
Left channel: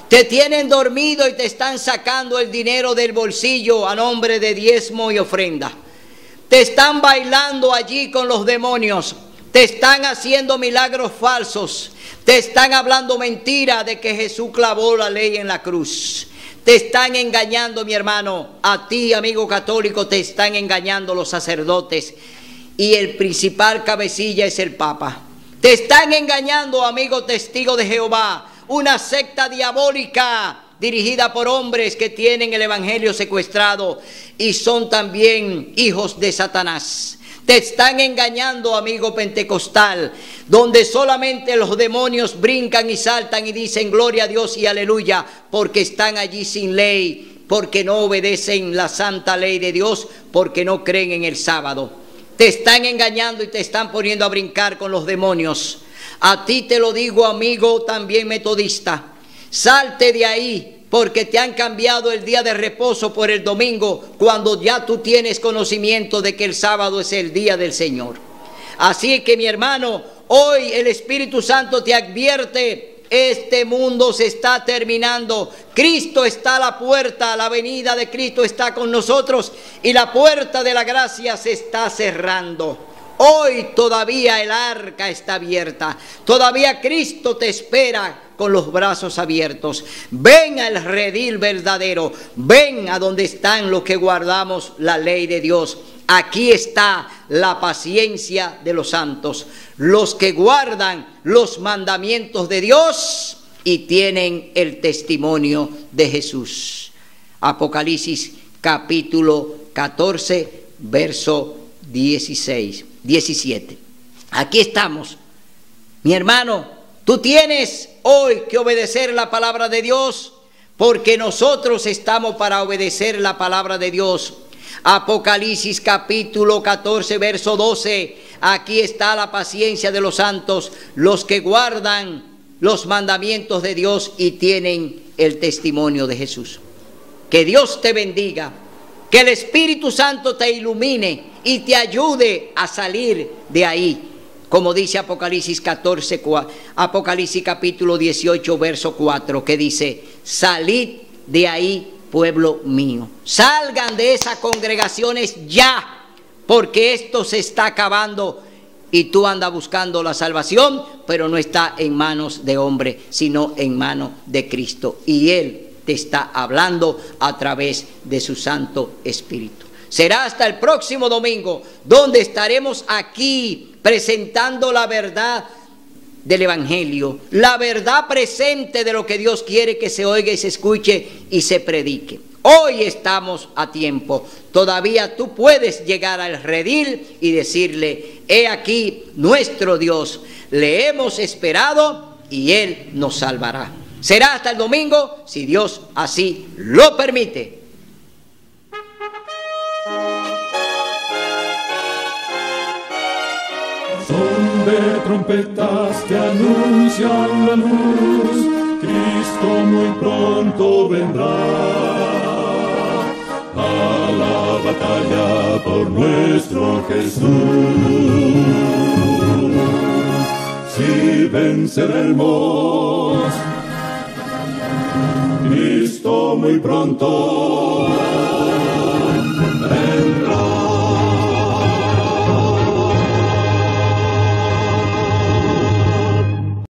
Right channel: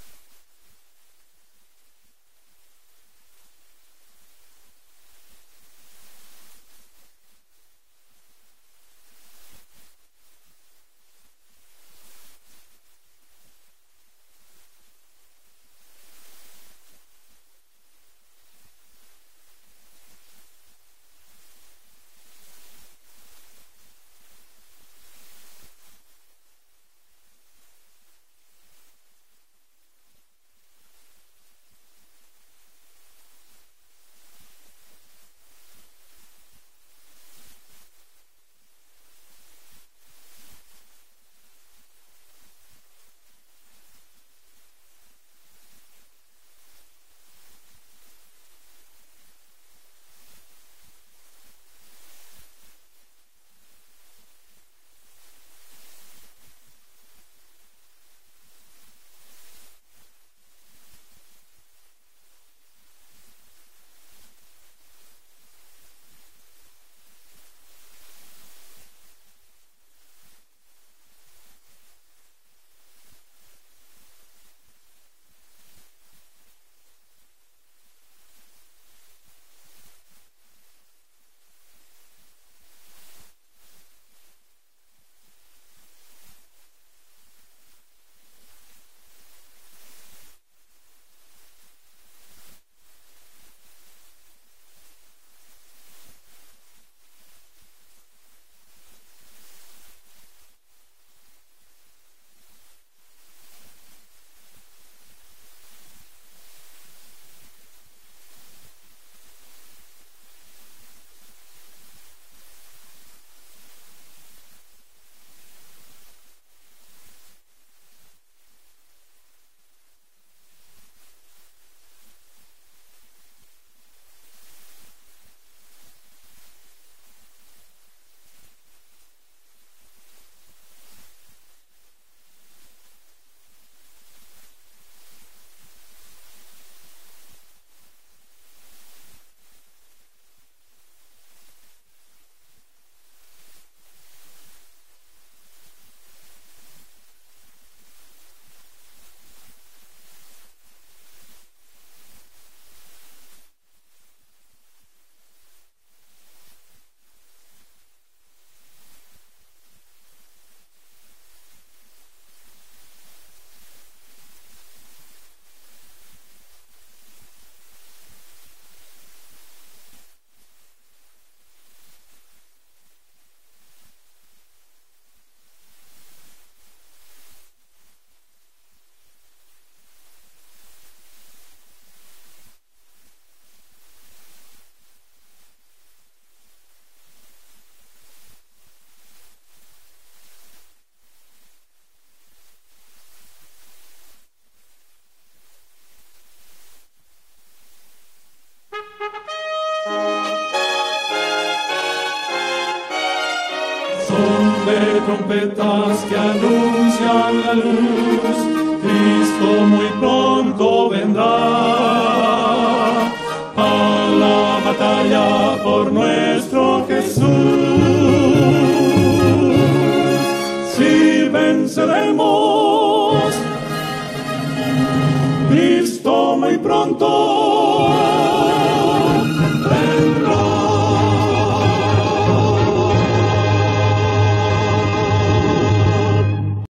Te tienen dormido y te están sacando el dinero del bolsillo a nombre de diezmo y ofrenda. Te están bailando allí con los demonios. Te están haciendo milagros falsos. Te están hablando mentira de que Jesús clavó la ley en la cruz. Te están engañando, mi hermano. A ti, amigo católico, te están engañando los sacerdotes. Y el principal cabecilla es el Papa. Te están engañando, amigo testigo de Jehová. Una secta diabólica dirigida por hombres que tienen el evangelio secuestrado y son también hijos de Satanás. Te están engañando, amigo pentecostal, donde solamente los demonios brincan y saltan y dicen gloria a Dios y aleluya, porque están allí sin ley, porque no obedecen la santa ley de Dios, porque no creen en el sábado. Te están engañando y te están poniendo a brincar con los demonios. A ti te lo digo, amigo también metodista, salte de ahí, porque te han cambiado el día de reposo por el domingo, cuando ya tú tienes conocimiento de que el sábado es el día del Señor. Así que, mi hermano, hoy el Espíritu Santo te advierte: este mundo se está terminando. Cristo está a la puerta, la venida de Cristo está con nosotros y la puerta de la gracia se está cerrando. Hoy todavía el arca está abierta, todavía Cristo te espera con los brazos abiertos. Ven al redil verdadero, ven a donde están los que guardamos la ley de Dios. Aquí está la paciencia de los santos, los que guardan los mandamientos de Dios y tienen el testimonio de Jesús. Apocalipsis capítulo 14, verso 17. Aquí estamos, mi hermano. Tú tienes hoy que obedecer la palabra de Dios, porque nosotros estamos para obedecer la palabra de Dios. Apocalipsis capítulo 14, verso 12. Aquí está la paciencia de los santos, los que guardan los mandamientos de Dios y tienen el testimonio de Jesús. Que Dios te bendiga, que el Espíritu Santo te ilumine y te ayude a salir de ahí. Como dice Apocalipsis capítulo 18, verso 4, que dice: salid de ahí, pueblo mío. Salgan de esas congregaciones ya, porque esto se está acabando y tú andas buscando la salvación, pero no está en manos de hombre, sino en manos de Cristo. Y Él te está hablando a través de su Santo Espíritu. Será hasta el próximo domingo, donde estaremos aquí presentando la verdad del Evangelio, la verdad presente de lo que Dios quiere que se oiga y se escuche y se predique. Hoy estamos a tiempo. Todavía tú puedes llegar al redil y decirle: he aquí nuestro Dios, le hemos esperado y Él nos salvará. Será hasta el domingo, si Dios así lo permite. Son de trompetas que anuncian la luz, Cristo muy pronto vendrá. Alaba batalla por nuestro Jesús. Si venceremos, Cristo muy pronto